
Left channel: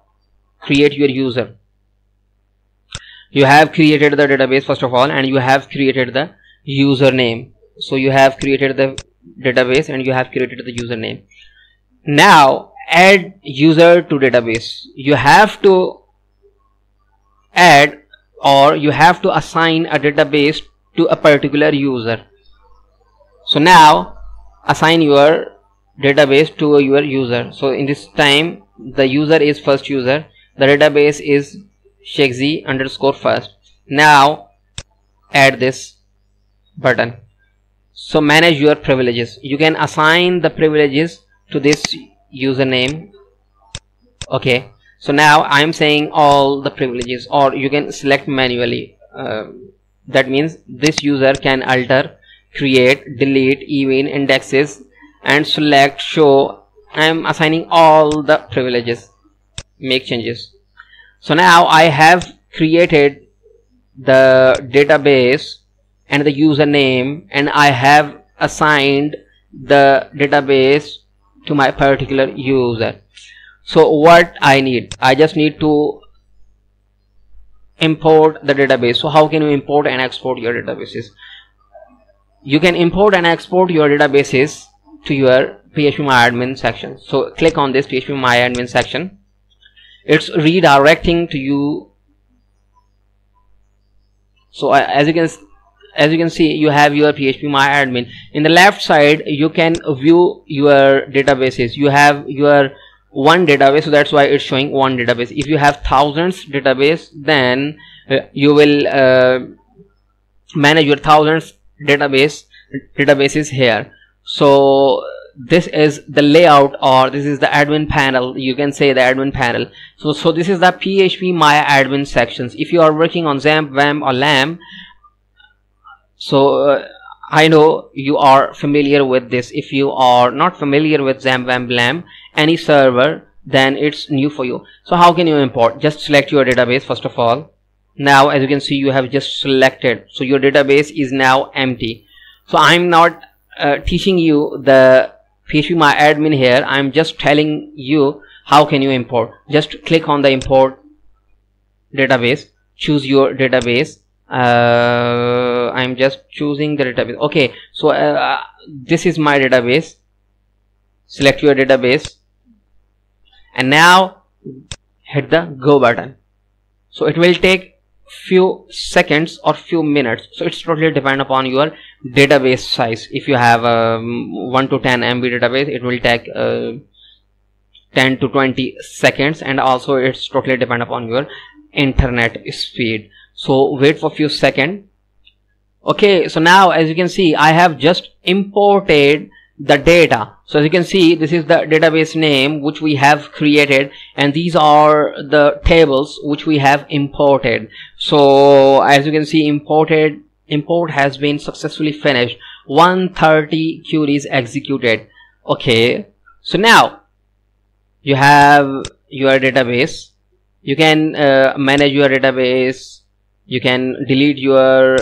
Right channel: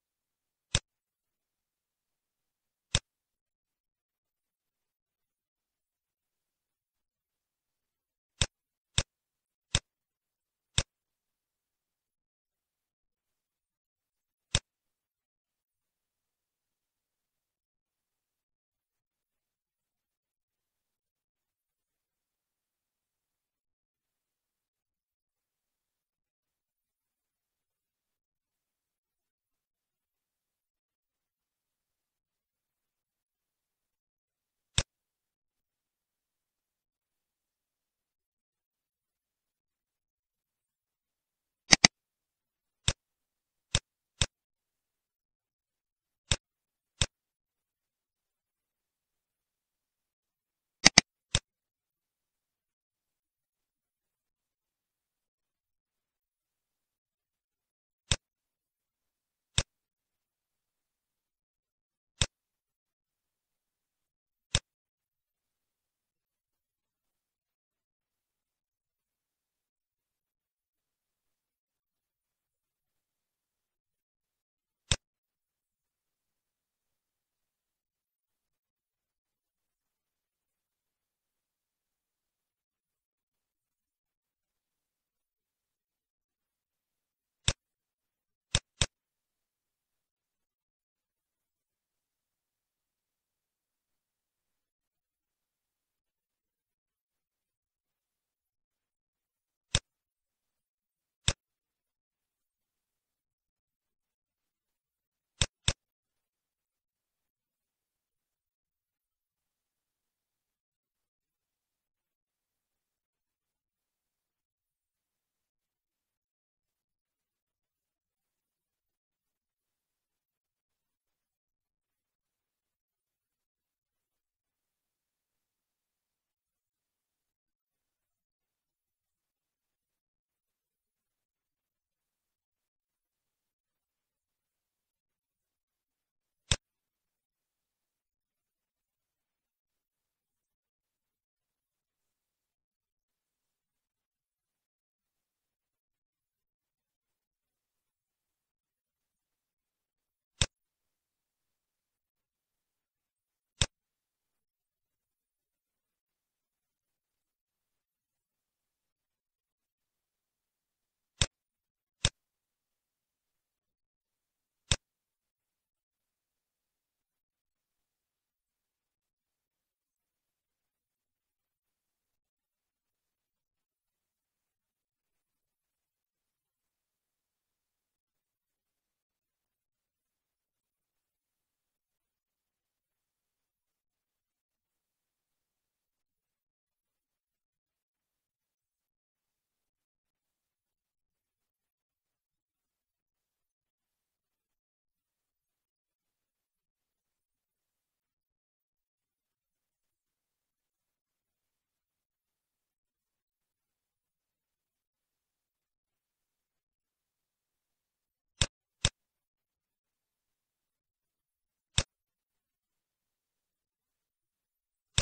create your user. You have created the database first of all, and you have created the username. So you have created the database and you have created the username. Now add user to database. You have to add, or you have to assign a database to a particular user. So now assign your database to your user. So in this time, the user is first user, the database is shegzi underscore first. Now add this button. So manage your privileges. You can assign the privileges to this username. Okay, so now I'm saying all the privileges, or you can select manually. That means this user can alter, create, delete, even indexes, and select, show. I'm assigning all the privileges. Make changes. So now I have created the database and the username, and I have assigned the database to my particular user. So what I need, I just need to import the database. So how can you import and export your databases? You can import and export your databases to your phpMyAdmin section. So click on this phpMyAdmin section. It's redirecting to you. So as you can see, you have your phpMyAdmin. In the left side you can view your databases. You have your one database, so that's why it's showing one database. If you have thousands database, then you will manage your thousands databases here. So this is the layout, or this is the admin panel. You can say the admin panel. So this is the phpMyAdmin sections. If you are working on XAMPP, WAMP or LAMP, so I know you are familiar with this. If you are not familiar with XAMPP, WAMP, LAMP, any server, then it's new for you. So how can you import? Just select your database first of all. Now as you can see, you have just selected, so your database is now empty. So I'm not teaching you the phpMyAdmin here. I'm just telling you how can you import. Just click on the import database, choose your database. I'm just choosing the database. Okay, so this is my database. Select your database, and now hit the go button. So it will take few seconds or few minutes. So it's totally depend upon your database size. If you have a 1 to 10 MB database, it will take 10 to 20 seconds, and also it's totally depend upon your internet speed. So wait for few seconds. Okay, so now as you can see, I have just imported the data. So as you can see, this is the database name which we have created, and these are the tables which we have imported. So as you can see, import has been successfully finished. 130 queries executed. Okay, so now you have your database. You can manage your database. You can delete your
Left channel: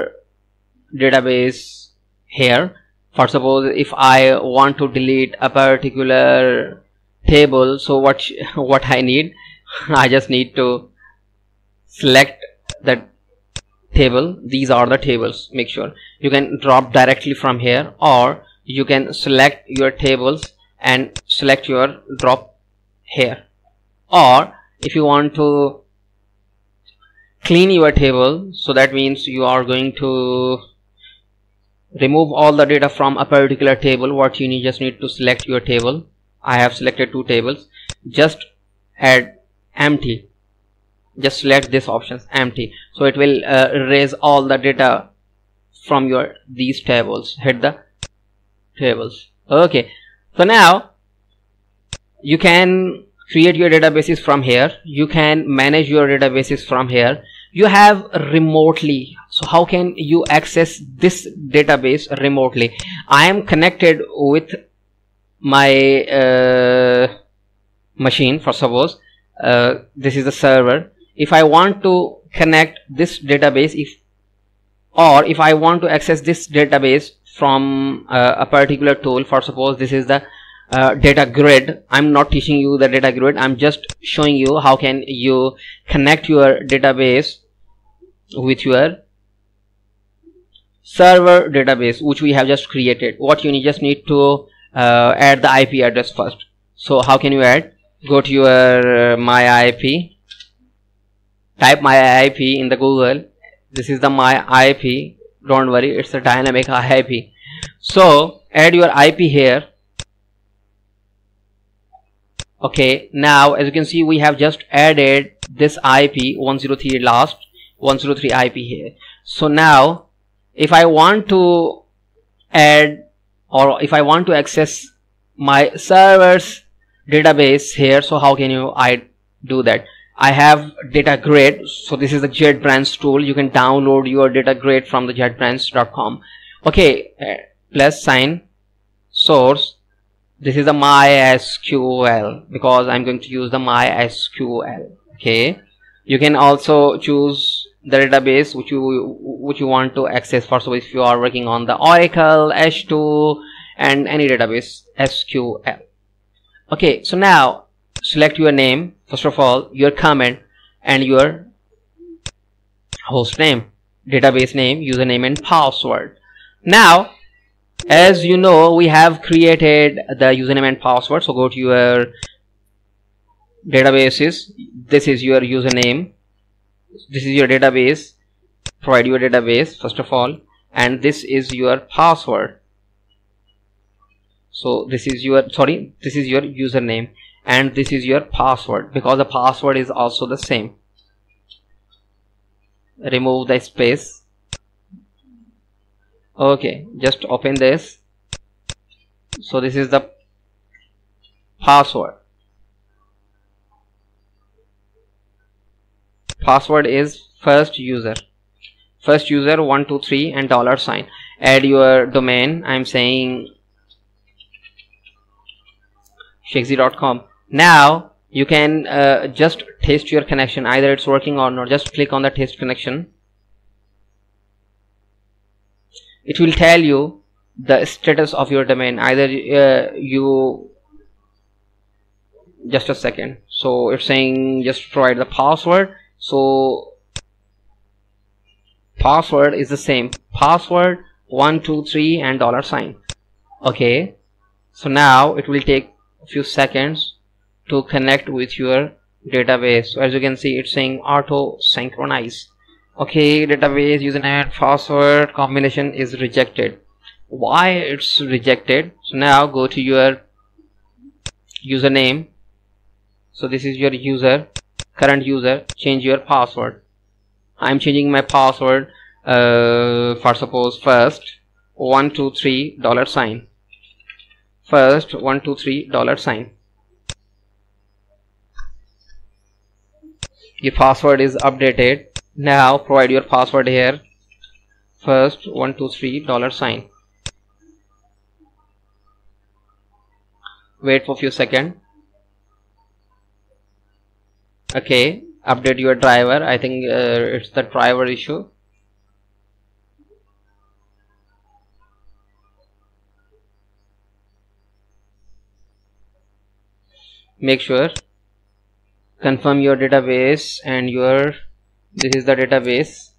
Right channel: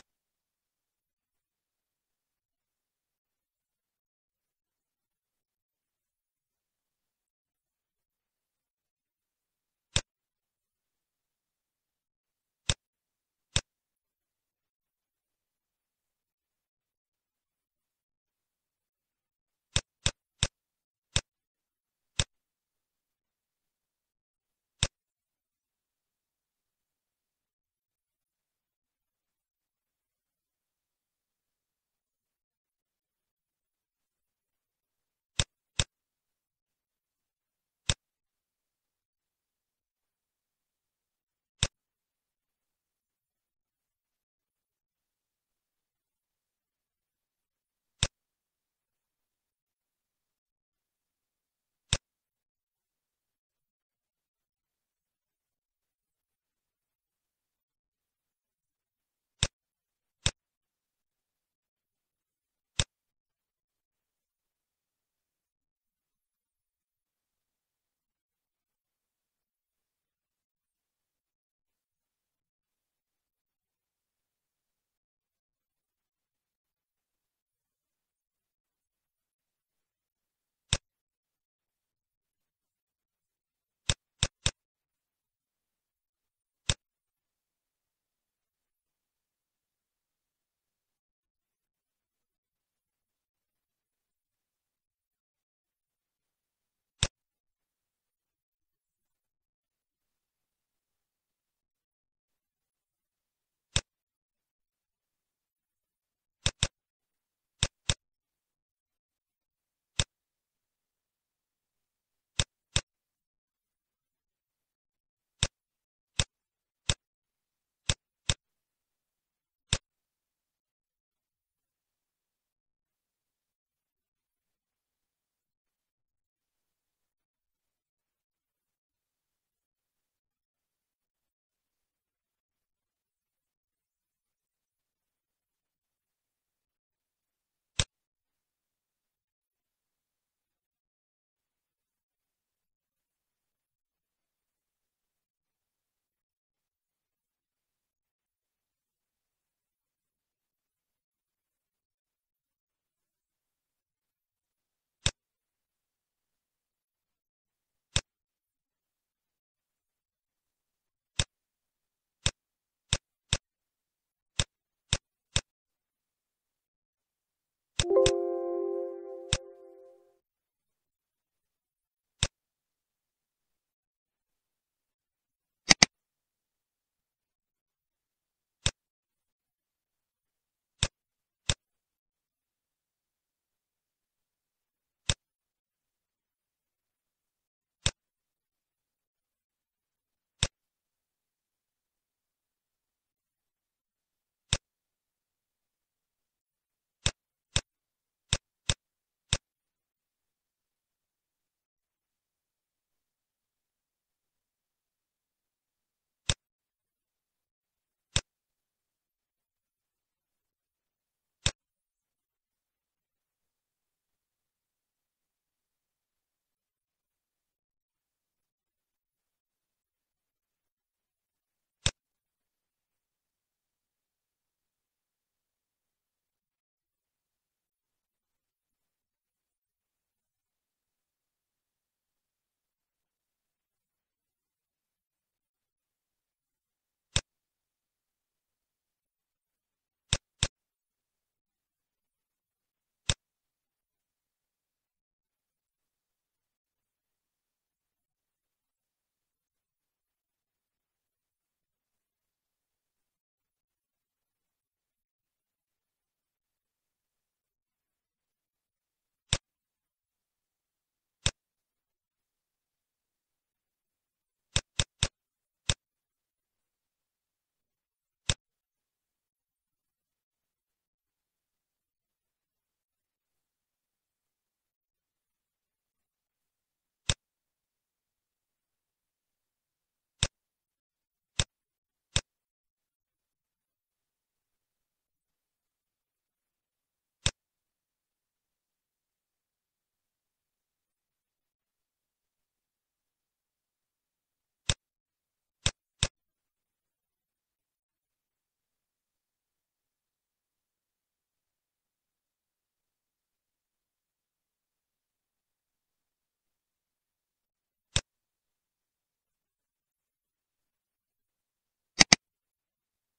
database here. For suppose if I want to delete a particular table, so what I need, I just need to select the table. These are the tables. Make sure you can drop directly from here, or you can select your tables and select your drop here. Or if you want to clean your table, so that means you are going to remove all the data from a particular table. What you need, just need to select your table. I have selected 2 tables. Just add empty. Just select this option, empty. So it will erase all the data from these tables. Hit the tables. Okay, so now you can create your databases from here. You can manage your databases from here. You have remotely. So how can you access this database remotely? I am connected with my machine. For suppose this is the server. If I want to connect this database, if I want to access this database from a particular tool, for suppose this is the data grid. I'm not teaching you the data grid. I'm just showing you how can you connect your database with your server database which we have just created. What you need, just need to add the IP address first. So how can you add? Go to your my IP, type my IP in the Google. This is the my IP. Don't worry, it's a dynamic IP. So add your IP here. Okay, now as you can see, we have just added this IP 103 last 103 IP here. So now if I want to add, or if I want to access my server's database here, so how can I do that? I have data grid. So this is the JetBrains tool. You can download your data grid from the jetbrains.com. okay, plus sign source. This is the MySQL, because I'm going to use the MySQL. Okay, you can also choose the database which you want to access. First of all, if you are working on the Oracle, H2, and any database, SQL. Okay, so now select your name, first of all, your comment, and your host name, database name, username, and password. Now, as you know, we have created the username and password. So go to your databases. This is your username. This is your database. Provide your database first of all, and this is your password. So this is your username, and this is your password, because the password is also the same. Remove the space. Okay, just open this. So this is the password. Password is first user 123 and $. Add your domain. I'm saying shakesy.com. Now you can just test your connection, either it's working or not. Just click on the test connection. It will tell you the status of your domain. Either you just a second. So it's saying just provide the password. So password is the same, password 123 and $. Okay, so now it will take a few seconds to connect with your database. So as you can see, it's saying auto synchronize. Okay, database username and password combination is rejected. Why it's rejected? So now go to your username. So this is your current user. Change your password. I'm changing my password for suppose first 123 $. First 123 $. Your password is updated. Now provide your password here. First 123 $. Wait for a few seconds. Okay, update your driver. I think it's the driver issue. Make sure confirm your database and this is the database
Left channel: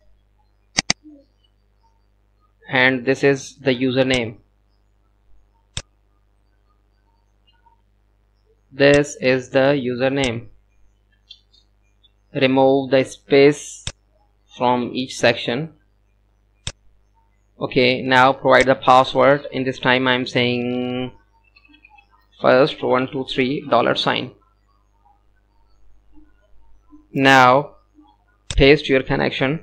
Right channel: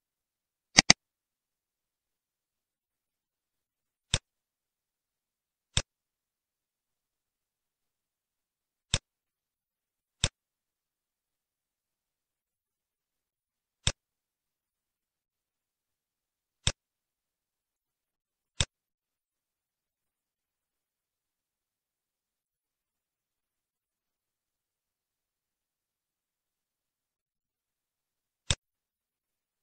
and this is the username. This is the username. Remove the space from each section. Okay, now provide the password. In this time I'm saying first 123 $. Now paste your connection.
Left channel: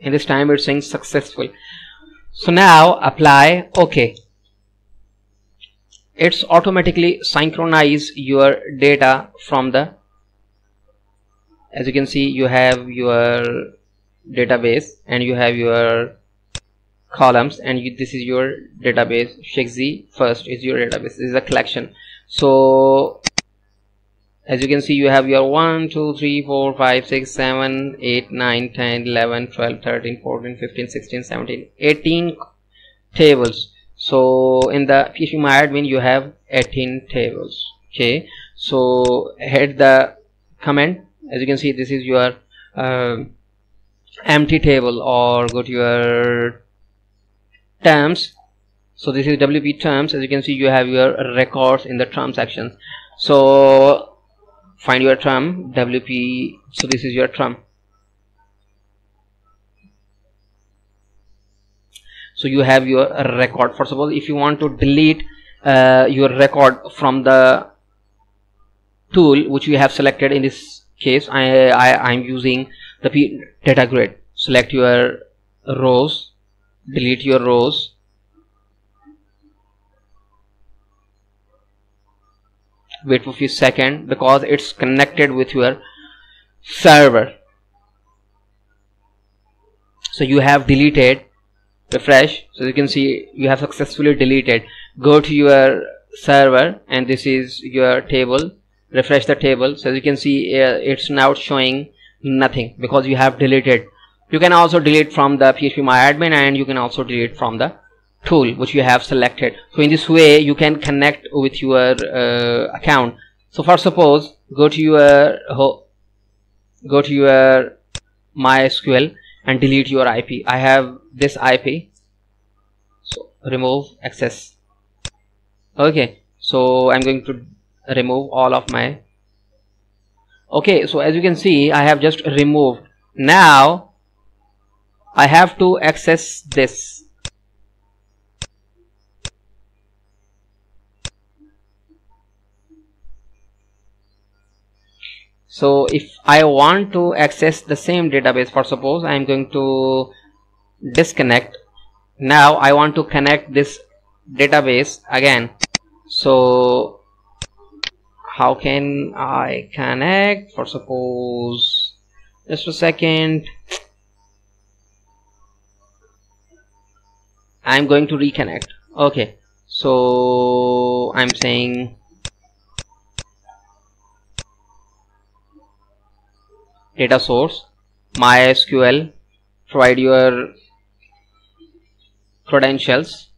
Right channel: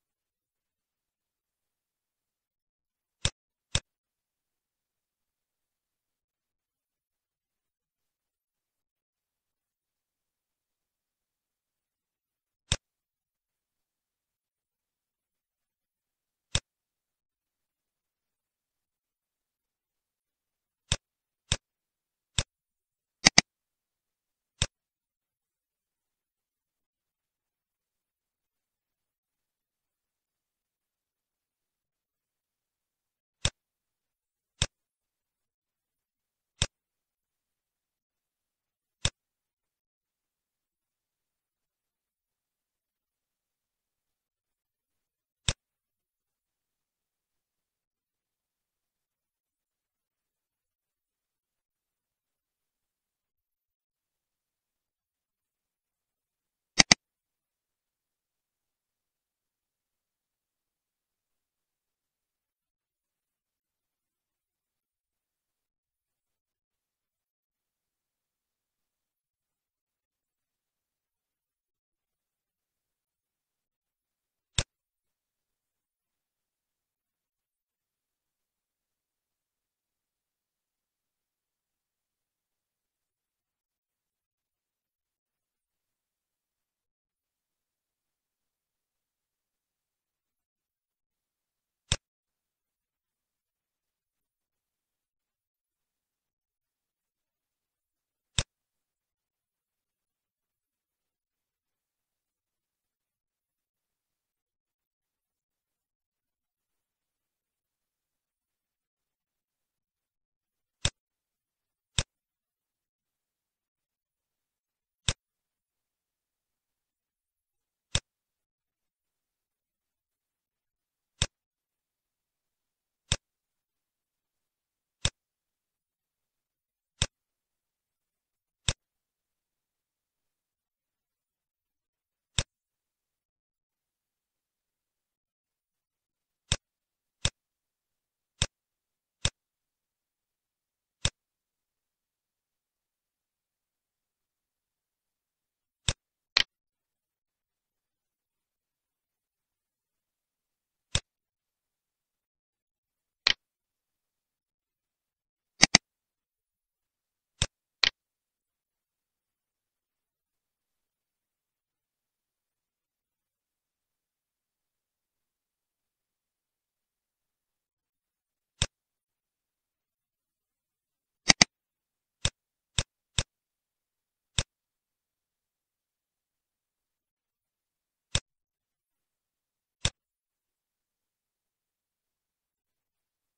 In this time it's saying successful. So now apply. Okay, it's automatically synchronize your data from the, as you can see, you have your database and you have your columns, and this is your database. Shakesy first is your database. This is a collection. So as you can see, you have your 1 2 3 4 5 6 7 8 9 10 11 12 13 14 15 16 17 18 tables. So in the PHPMyAdmin you have 18 tables. Okay, so head the comment. As you can see, this is your empty table, or go to your terms. So this is WP terms. As you can see, you have your records in the term section. So find your term WP. So this is your term. So you have your record. First of all, if you want to delete your record from the tool which we have selected. In this case I'm using the data grid. Select your rows, delete your rows, wait for a few seconds because it's connected with your server. So you have deleted, refresh, so you can see you have successfully deleted. Go to your server and this is your table, refresh the table. So you can see it's now showing nothing because you have deleted. You can also delete from the phpMyAdmin, and you can also delete from the tool which you have selected. So in this way you can connect with your account. So for suppose go to your MySQL and delete your IP. I have this IP, so remove access. Okay, so I'm going to remove all of my. Okay, so as you can see I have just removed. Now I have to access this. So if I want to access the same database, for suppose I am going to disconnect. Now I want to connect this database again. So how can I connect? For suppose, just a second, I'm going to reconnect. Okay, so I'm saying data source, MySQL, provide your credentials.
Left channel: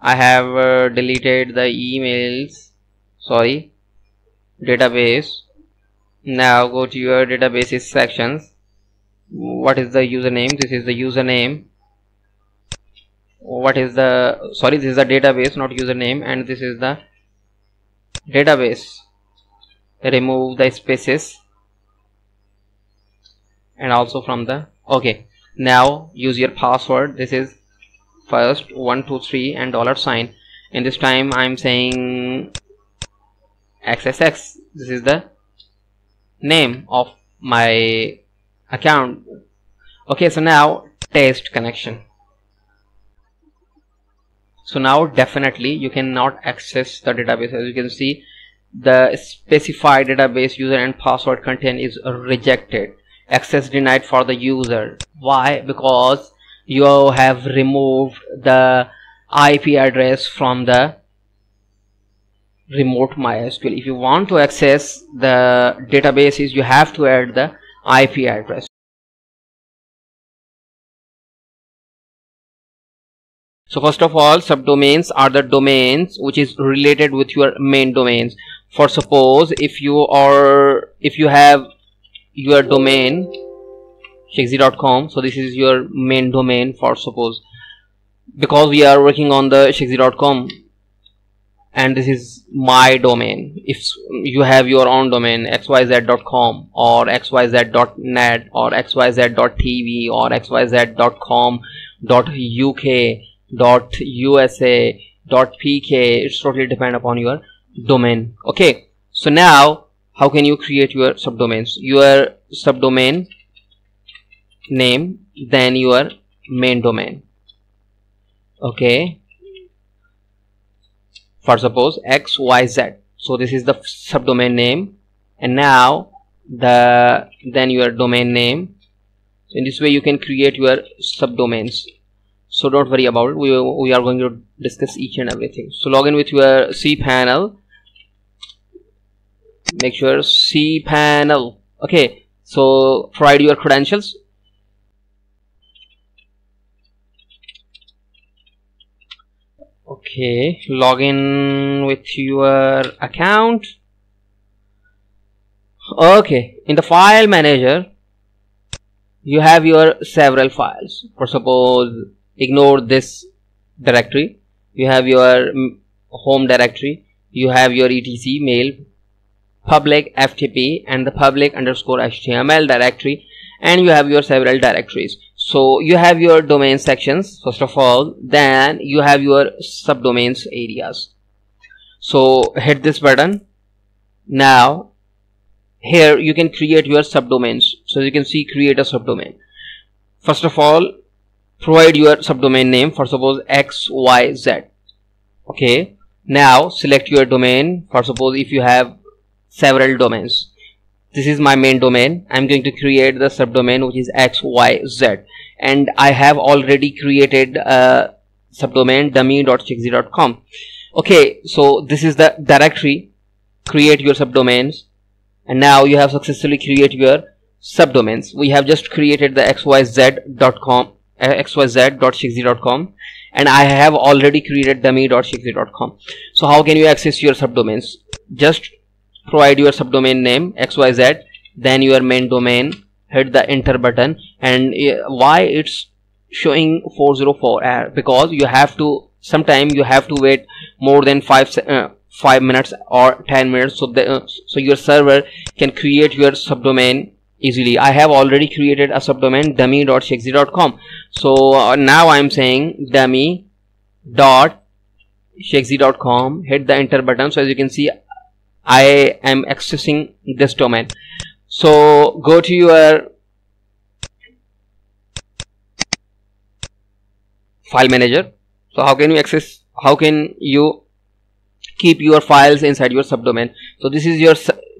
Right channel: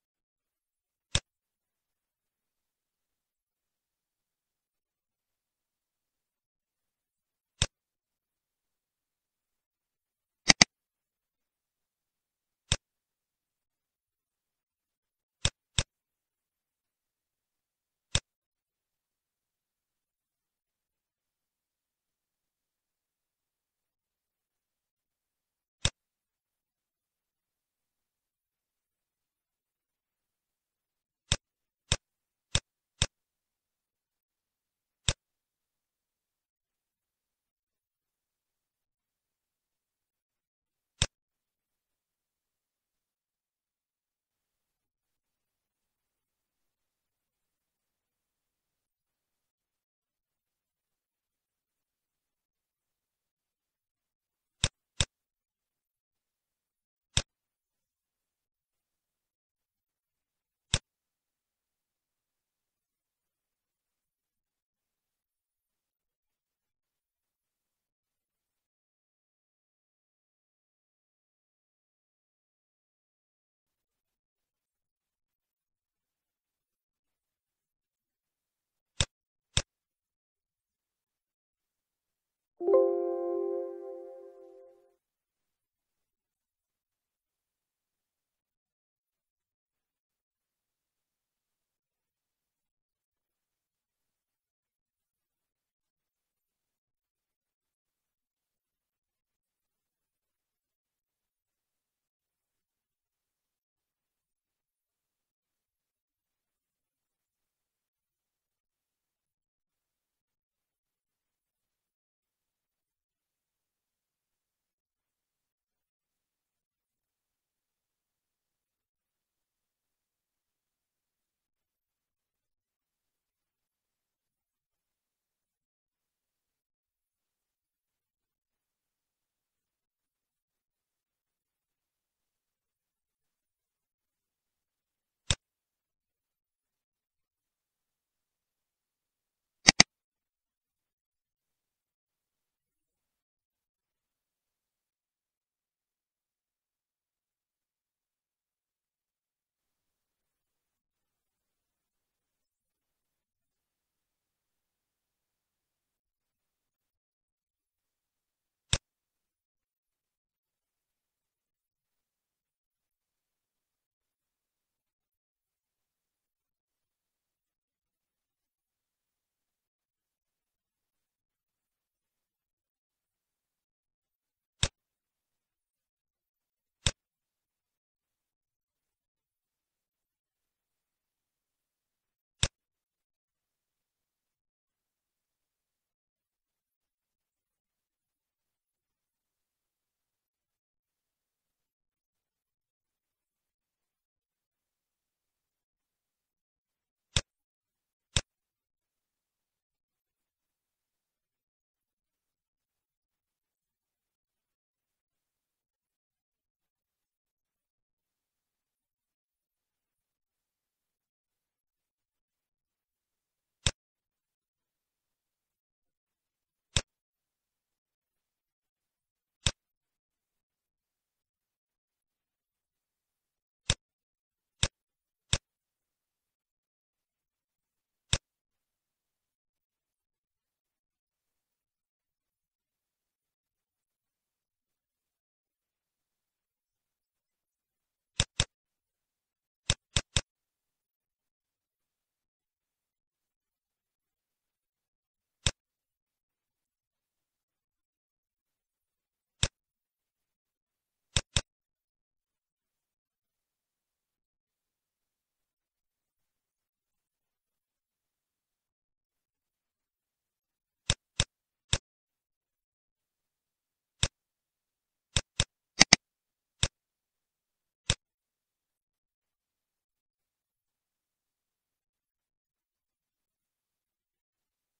I have deleted the emails, sorry, database. Now go to your databases sections. What is the username? This is the username. What is the, sorry, this is the database, not username, and this is the database. Remove the spaces and also from the, okay, now use your password. This is first 123 and $sign, and this time I'm saying XXX. This is the name of my account. Okay, so now test connection. So now definitely you cannot access the database. As you can see, the specified database user and password content is rejected. Access denied for the user. Why? Because you have removed the IP address from the remote MySQL. If you want to access the databases, you have to add the IP address. So first of all, subdomains are the domains which is related with your main domains. For suppose if you have your domain shakesy.com, so this is your main domain. For suppose, because we are working on the shakesy.com and this is my domain. If you have your own domain xyz.com or xyz.net or xyz.tv or xyz.com.uk.usa.pk, it's totally depend upon your domain. Okay, so now how can you create your subdomains? Your subdomain name, then your main domain. Okay, for suppose xyz, so this is the subdomain name, and now then your domain name. So in this way you can create your subdomains. So don't worry about it. We are going to discuss each and everything. So log in with your cPanel. Make sure cPanel. Okay, so provide your credentials. Okay, log in with your account. Okay, in the file manager you have your several files. For suppose, ignore this directory. You have your home directory, you have your etc mail, public ftp, and the public underscore html directory, and you have your several directories. So you have your domain sections first of all, then you have your subdomains areas. So hit this button. Now here you can create your subdomains. So you can see create a subdomain. First of all, provide your subdomain name, for suppose XYZ. Okay, now select your domain. For suppose if you have several domains, this is my main domain. I'm going to create the subdomain which is XYZ, and I have already created a subdomain dummy.chexy.com. okay, so this is the directory. Create your subdomains, and now you have successfully created your subdomains. We have just created the xyz.com, xyz.chexy.com, and I have already created dummy.chexy.com. so how can you access your subdomains? Just provide your subdomain name XYZ, then your main domain, hit the enter button. And why it's showing 404 error? Because you have to, sometime you have to wait more than 5 minutes or 10 minutes, so your server can create your subdomain easily. I have already created a subdomain dummy.chexy.com. so now I'm saying dummy.chexy.com, hit the enter button. So as you can see, I am accessing this domain. So go to your file manager. So how can you access, how can you keep your files inside your subdomain? So this is your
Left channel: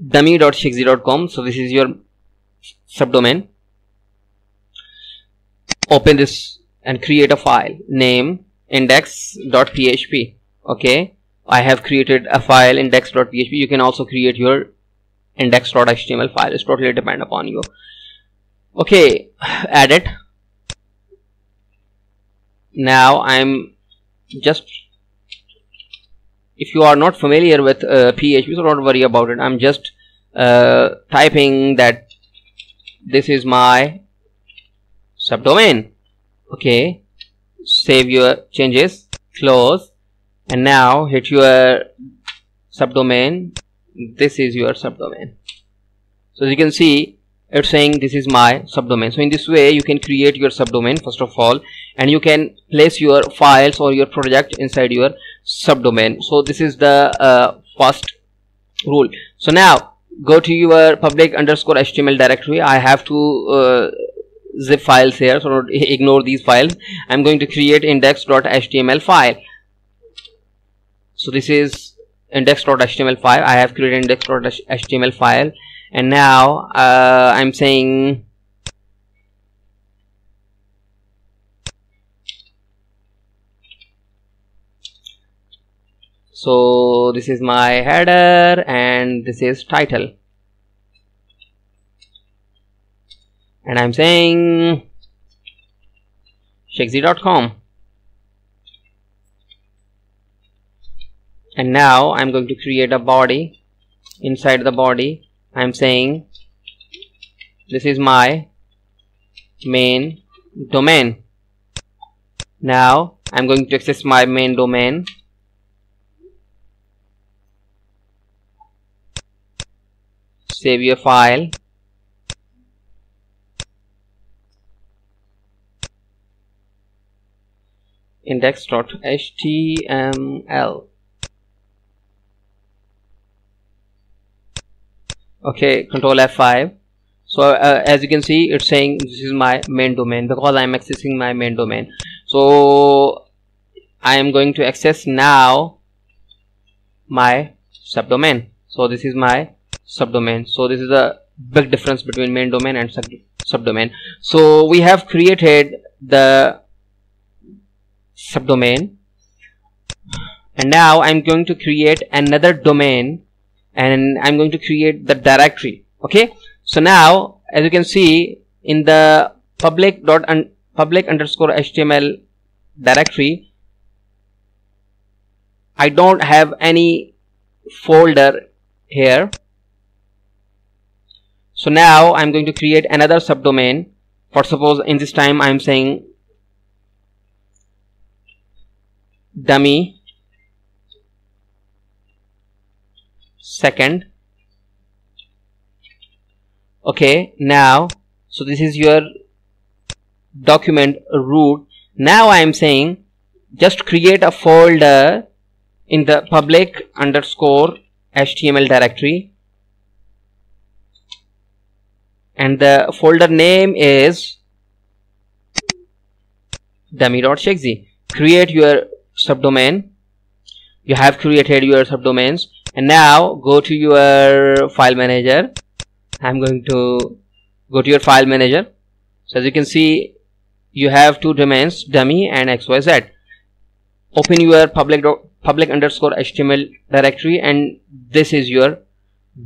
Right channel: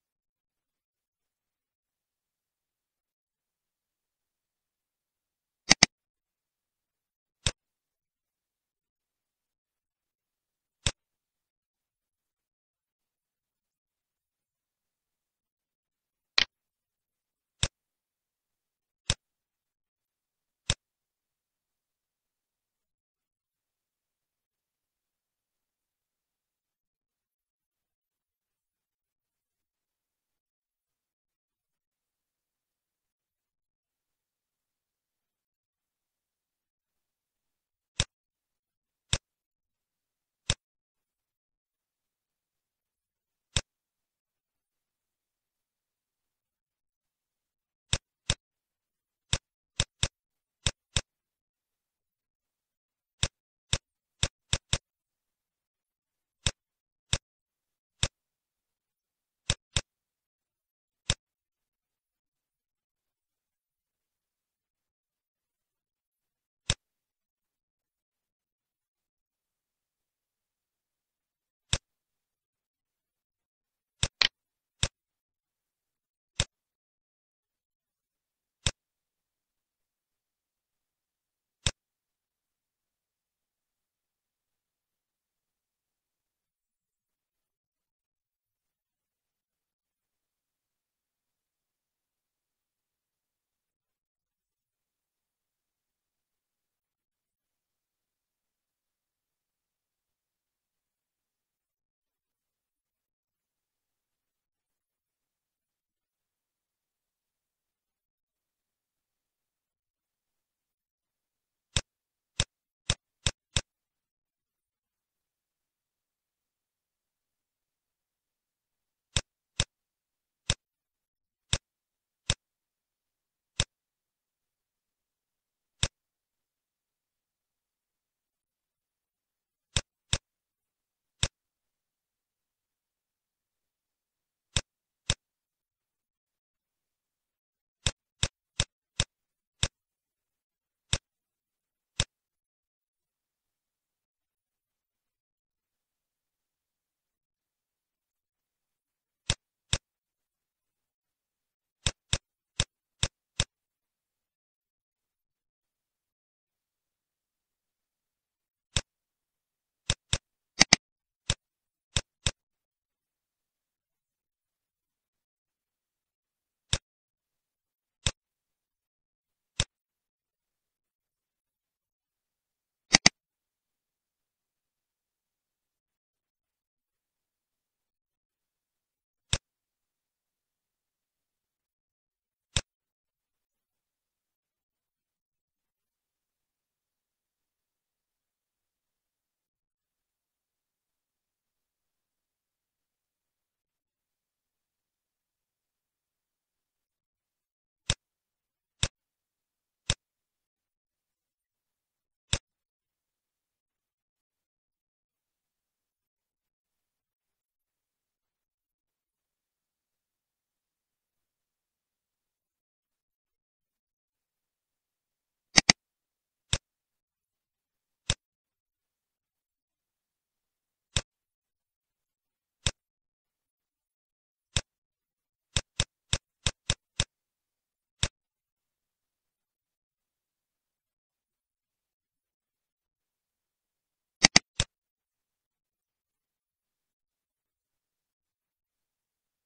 dummy.chexy.com. so this is your subdomain. Open this and create a file name index.php. okay, I have created a file index.php. you can also create your index.html file. It's totally depend upon you. Okay, add it. Now I'm just, if you are not familiar with PHP, so don't worry about it. I'm just typing that this is my subdomain. Okay, save your changes, close, and now hit your subdomain. This is your subdomain. So as you can see, it's saying this is my subdomain. So in this way you can create your subdomain first of all, and you can place your files or your project inside your subdomain. So this is the first rule. So now go to your public_html directory. I have to zip files here, so ignore these files. I'm going to create index.html file. So this is index.html file. I have created index.html file, and now I'm saying so this is my header and this is title, and I'm saying chexy.com. and now I'm going to create a body. Inside the body I'm saying this is my main domain. Now I'm going to access my main domain. Save your file. index.html. okay, control F5. so as you can see, it's saying this is my main domain because I am accessing my main domain. So I am going to access now my subdomain. So this is my subdomain. So this is a big difference between main domain and subdomain. So we have created the subdomain, and now I'm going to create another domain, and I'm going to create the directory. Okay, so now as you can see in the public_html directory, I don't have any folder here. So now I'm going to create another subdomain. For suppose in this time I'm saying dummy second. Okay, now so this is your document root. Now I am saying just create a folder in the public underscore HTML directory, and the folder name is dummy.shakesy. Create your subdomain. You have created your subdomains, and now go to your file manager. I'm going to go to your file manager. So as you can see, you have two domains, dummy and xyz. Open your public underscore HTML directory, and this is your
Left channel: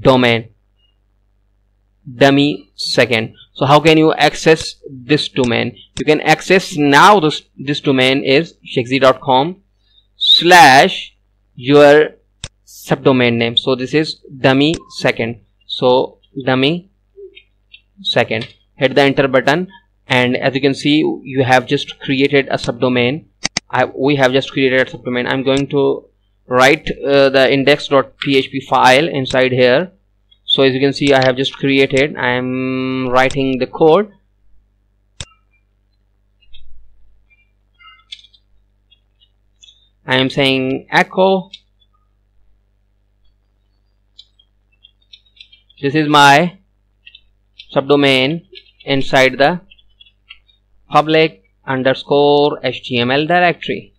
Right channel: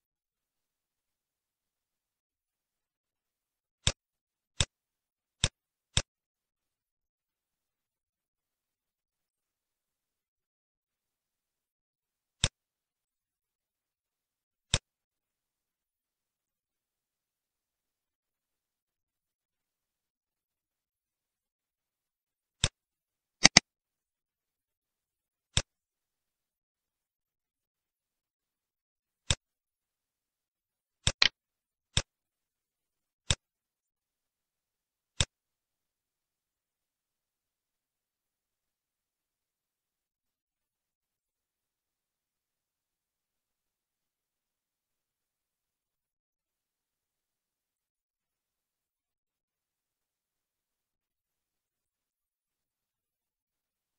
domain, dummy second. So how can you access this domain? You can access now. This domain is shakesy.com / your subdomain name. So this is dummy second. So dummy second. Hit the enter button, and as you can see, you have just created a subdomain. We have just created a subdomain. I'm going to write the index.php file inside here. So as you can see, I have just created. I'm writing the code. I am saying echo. This is my subdomain inside the public underscore HTML directory.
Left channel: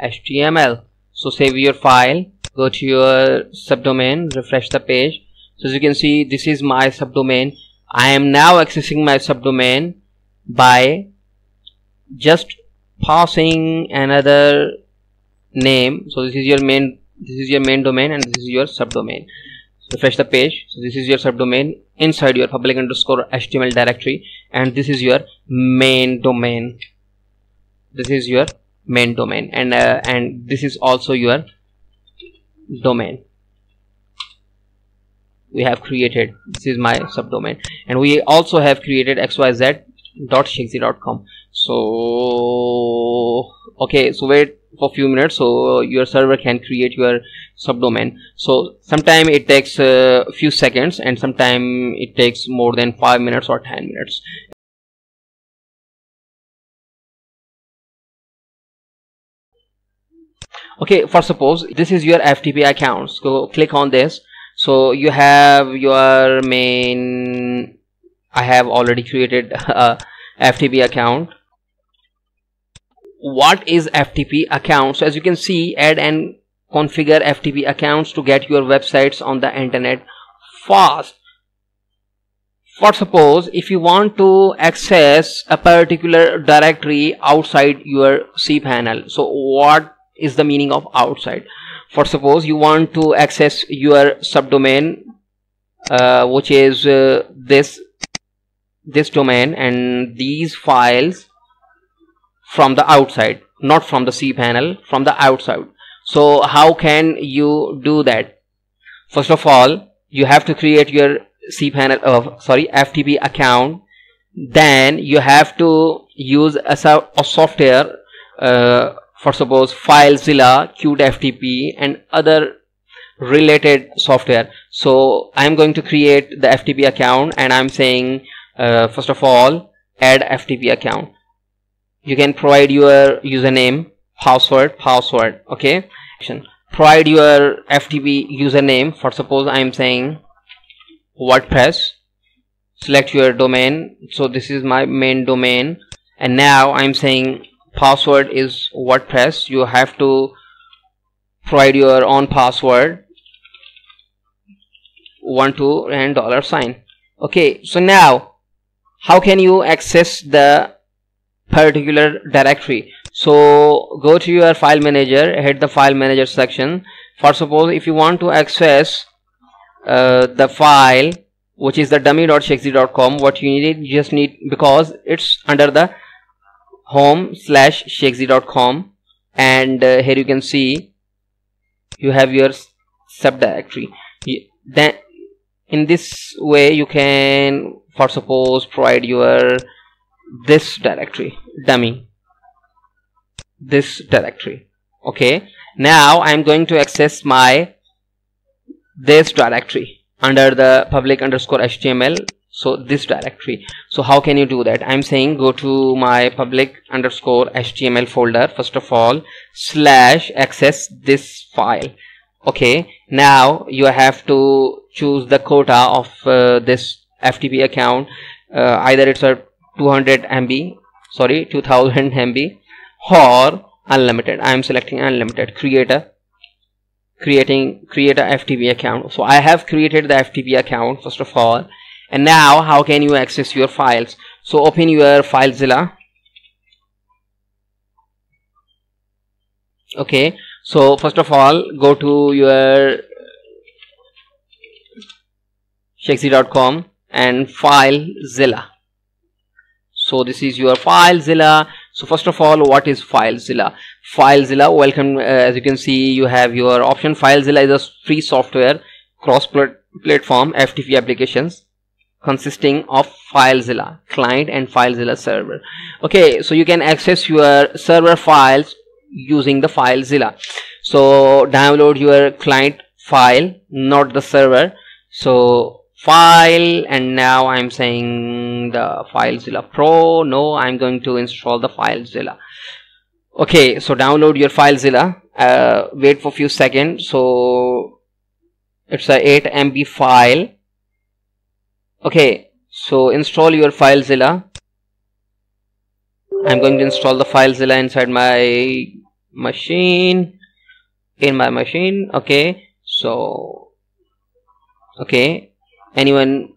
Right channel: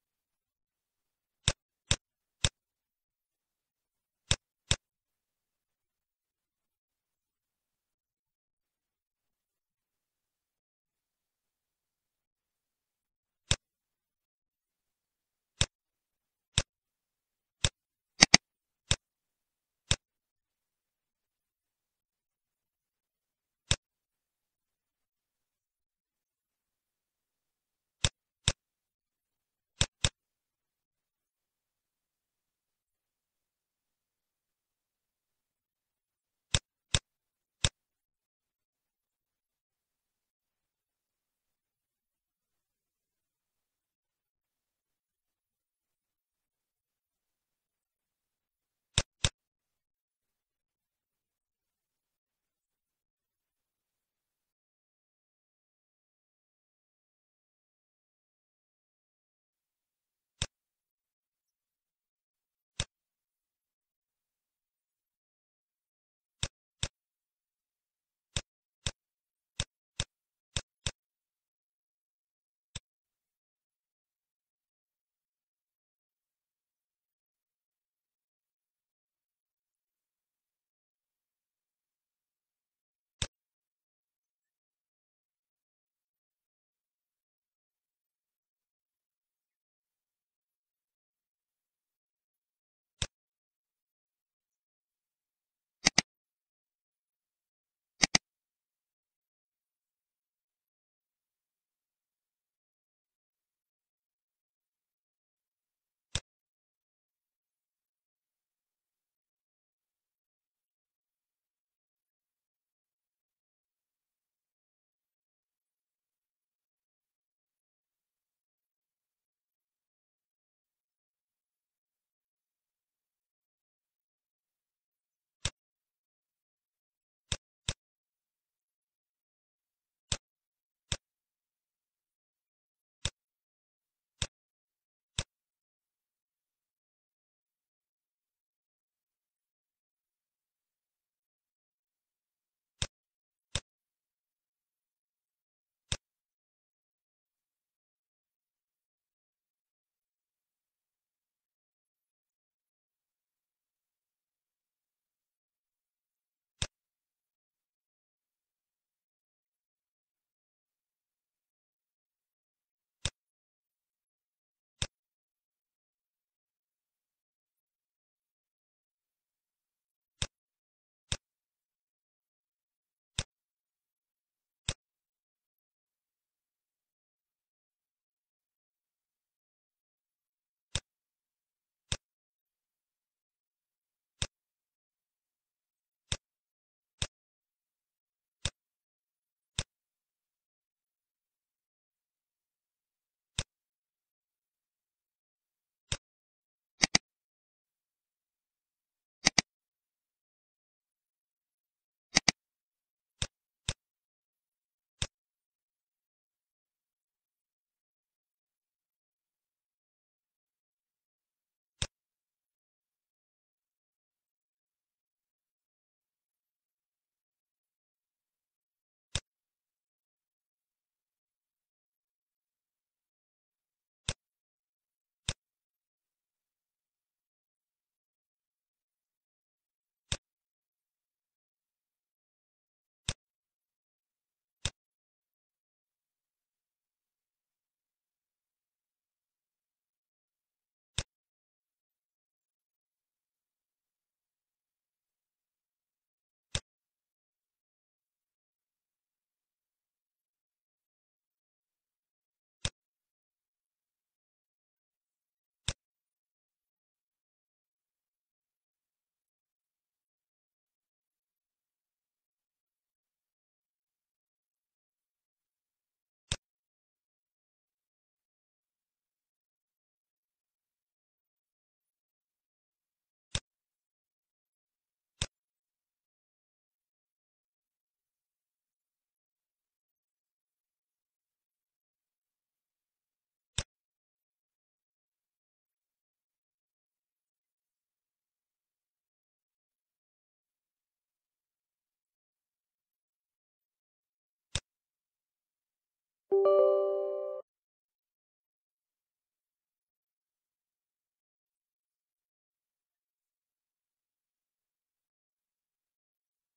HTML. So save your file, go to your subdomain, refresh the page. So as you can see, this is my subdomain. I am now accessing my subdomain by just passing another name. So this is your main domain, and this is your subdomain. Refresh the page. So this is your subdomain inside your public underscore HTML directory, and this is your main domain. This is your main domain, and this is also your domain we have created. This is my subdomain, and we also have created xyz.shakesy.com. So okay, so wait for a few minutes so your server can create your subdomain. So sometime it takes a few seconds, and sometime it takes more than 5 minutes or 10 minutes. Okay, for suppose this is your FTP account. So click on this. So you have your main. I have already created a FTP account. What is FTP account? So as you can see, add and configure FTP accounts to get your websites on the internet fast. For suppose if you want to access a particular directory outside your cPanel, so what is the meaning of outside? For suppose you want to access your subdomain, which is this domain and these files from the outside, not from the cPanel, from the outside. So how can you do that? First of all, you have to create your FTP account. Then you have to use a software, for suppose FileZilla, CuteFTP, and other related software. So I'm going to create the FTP account, and I'm saying first of all, add FTP account. You can provide your username, password. Okay, provide your FTP username. For suppose I'm saying WordPress. Select your domain. So this is my main domain, and now I'm saying password is WordPress. You have to provide your own password, 12 and $sign. Okay, so now how can you access the particular directory? So go to your file manager, hit the file manager section. For suppose if you want to access the file which is the dummy.shakesy.com, what you just need, because it's under the home/shakesy.com, and here you can see you have your subdirectory. Then in this way you can, for suppose, provide your this directory, dummy, this directory. Okay, now I'm going to access my this directory under the public underscore HTML so this directory. So how can you do that? I'm saying go to my public underscore HTML folder first of all, slash access this file. Okay, now you have to choose the quota of this FTP account. Either it's a 200 MB, sorry, 2000 MB, or unlimited. I'm selecting unlimited. Create a FTP account. So I have created the FTP account first of all. And now how can you access your files? So open your FileZilla. Okay, so first of all go to your shexy.com and FileZilla. So this is your FileZilla. So first of all, what is FileZilla? FileZilla, welcome. As you can see, you have your option. FileZilla is a free software cross-platform FTP applications consisting of FileZilla client and FileZilla server. Okay, so you can access your server files using the FileZilla. So download your client file, not the server. So file, and now I'm saying the FileZilla Pro. No, I'm going to install the FileZilla. Okay, so download your FileZilla. Wait for a few seconds. So it's a 8 MB file. Okay, so install your FileZilla. I'm going to install the FileZilla inside my machine, okay. So okay, anyone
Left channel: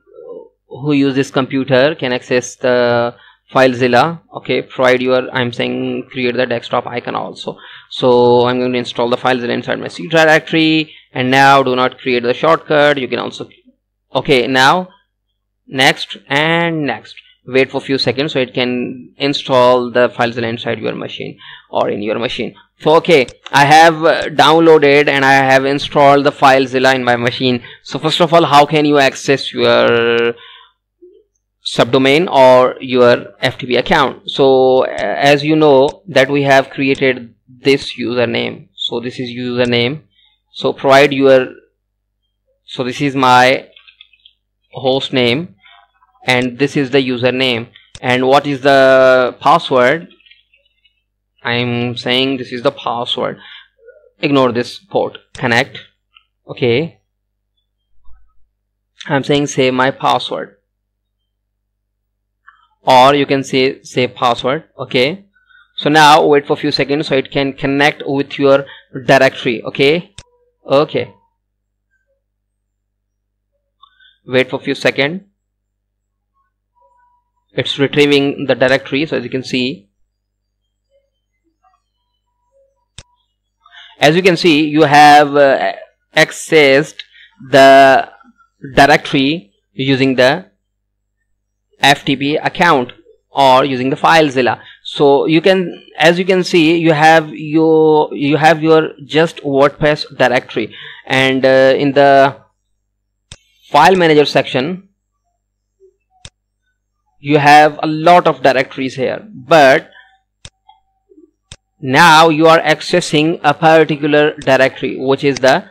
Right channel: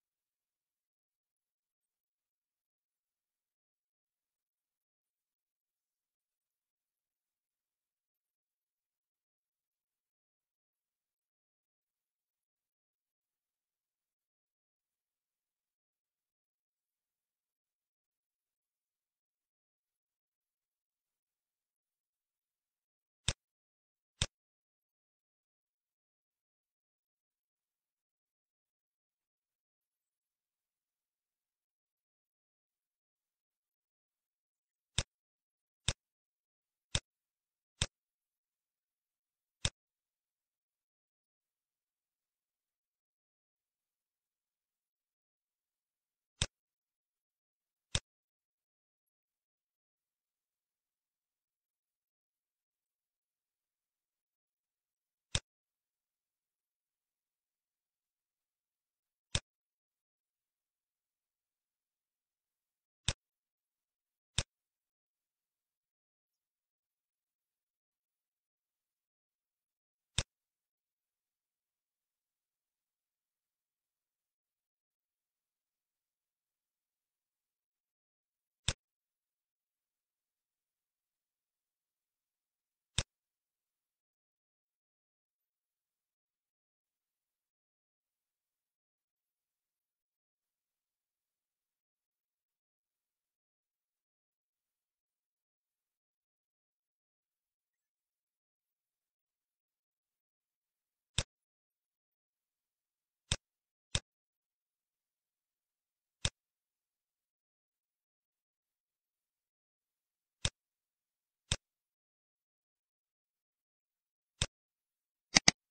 who uses this computer can access the FileZilla. Okay, provide your, I'm saying create the desktop icon also. So I'm going to install the FileZilla inside my C directory, and now do not create the shortcut. You can also, okay, now next and next. Wait for a few seconds so it can install the FileZilla inside your machine or in your machine. So okay, I have downloaded and I have installed the FileZilla in my machine. So first of all, how can you access your subdomain or your FTP account? So as you know that we have created this username. So this is username. So provide your, so this is my host name and this is the username. And what is the password? I'm saying this is the password. Ignore this port. Connect. Okay, I'm saying say my password, or you can say password. Okay, so now wait for a few seconds so it can connect with your directory. Okay, wait for a few seconds. It's retrieving the directory. So as you can see, you have accessed the directory using the FTP account or using the FileZilla. So you can, as you can see, you have your just WordPress directory, and in the file manager section you have a lot of directories here, but now you are accessing a particular directory, which is the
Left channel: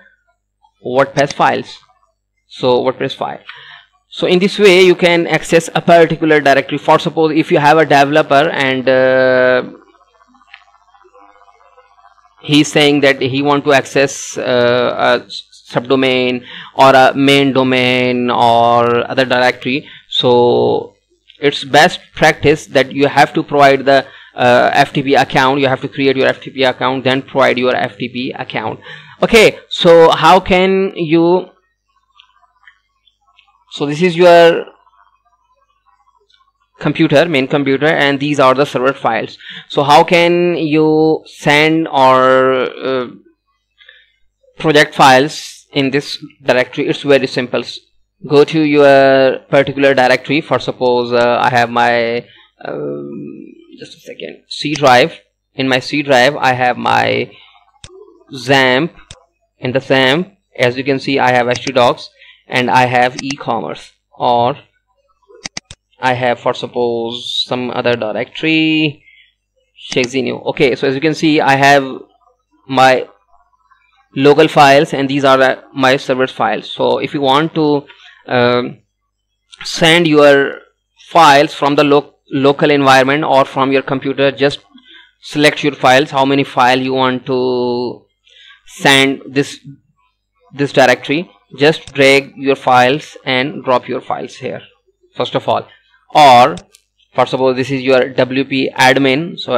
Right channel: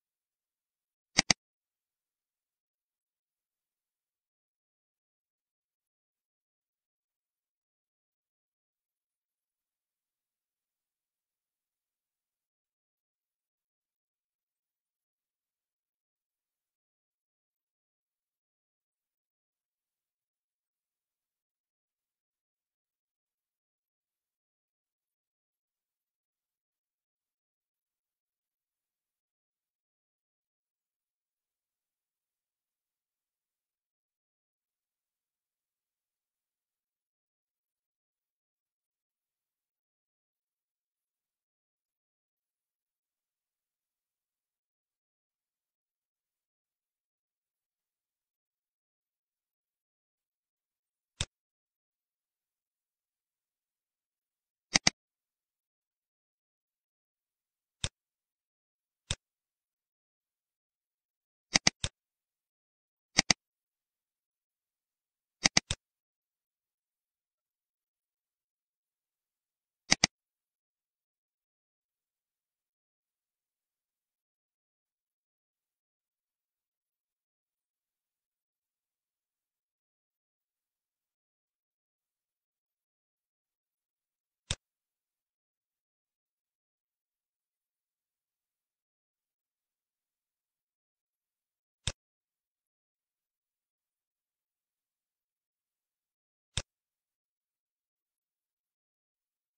WordPress files. So WordPress file. So in this way you can access a particular directory. For suppose if you have a developer and he's saying that he want to access a subdomain or a main domain or other directory, so it's best practice that you have to provide the FTP account. You have to create your FTP account, then provide your FTP account. Okay, so how can you, so this is your computer, main computer, and these are the server files. So how can you send or project files in this directory? It's very simple. Go to your particular directory. For suppose I have my just a second, C drive. In my C drive I have my XAMPP. In the XAMPP, as you can see, I have htdocs and I have e-commerce, or I have, for suppose, some other directory, Shexy. Okay, so as you can see, I have my local files and these are my server files. So if you want to send your files from the local environment or from your computer, just select your files, how many files you want to send this directory. Just drag your files and drop your files here first of all. Or for suppose this is your WP admin, so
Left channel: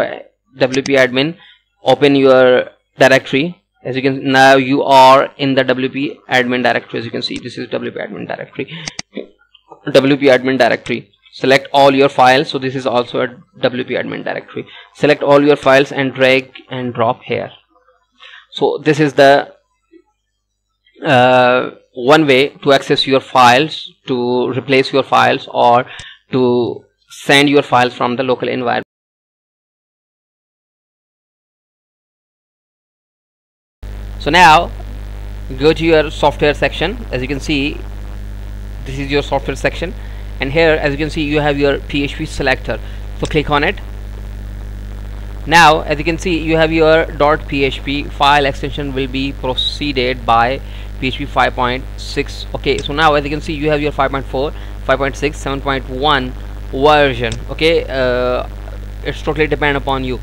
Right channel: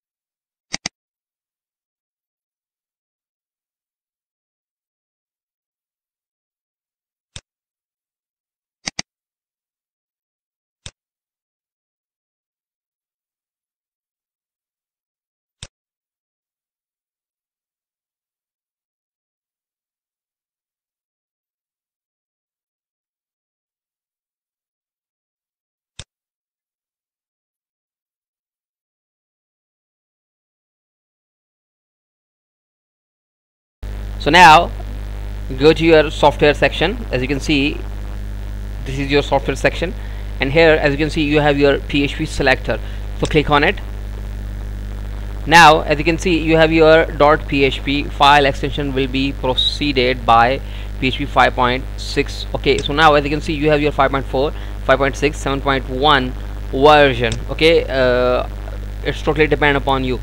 WP admin, open your directory. As you can, now you are in the WP admin directory. As you can see, this is WP admin directory. WP admin directory, select all your files. So this is also a WP admin directory. Select all your files and drag and drop here. So this is the one way to access your files, to replace your files, or to send your files from the local environment. So now go to your software section. As you can see, this is your software section, and here as you can see you have your PHP selector. So click on it. Now as you can see you have your .php file extension will be preceded by PHP 5.6. okay, so now as you can see you have your 5.4, 5.6, 7.1 version. okay, it's totally depend upon you.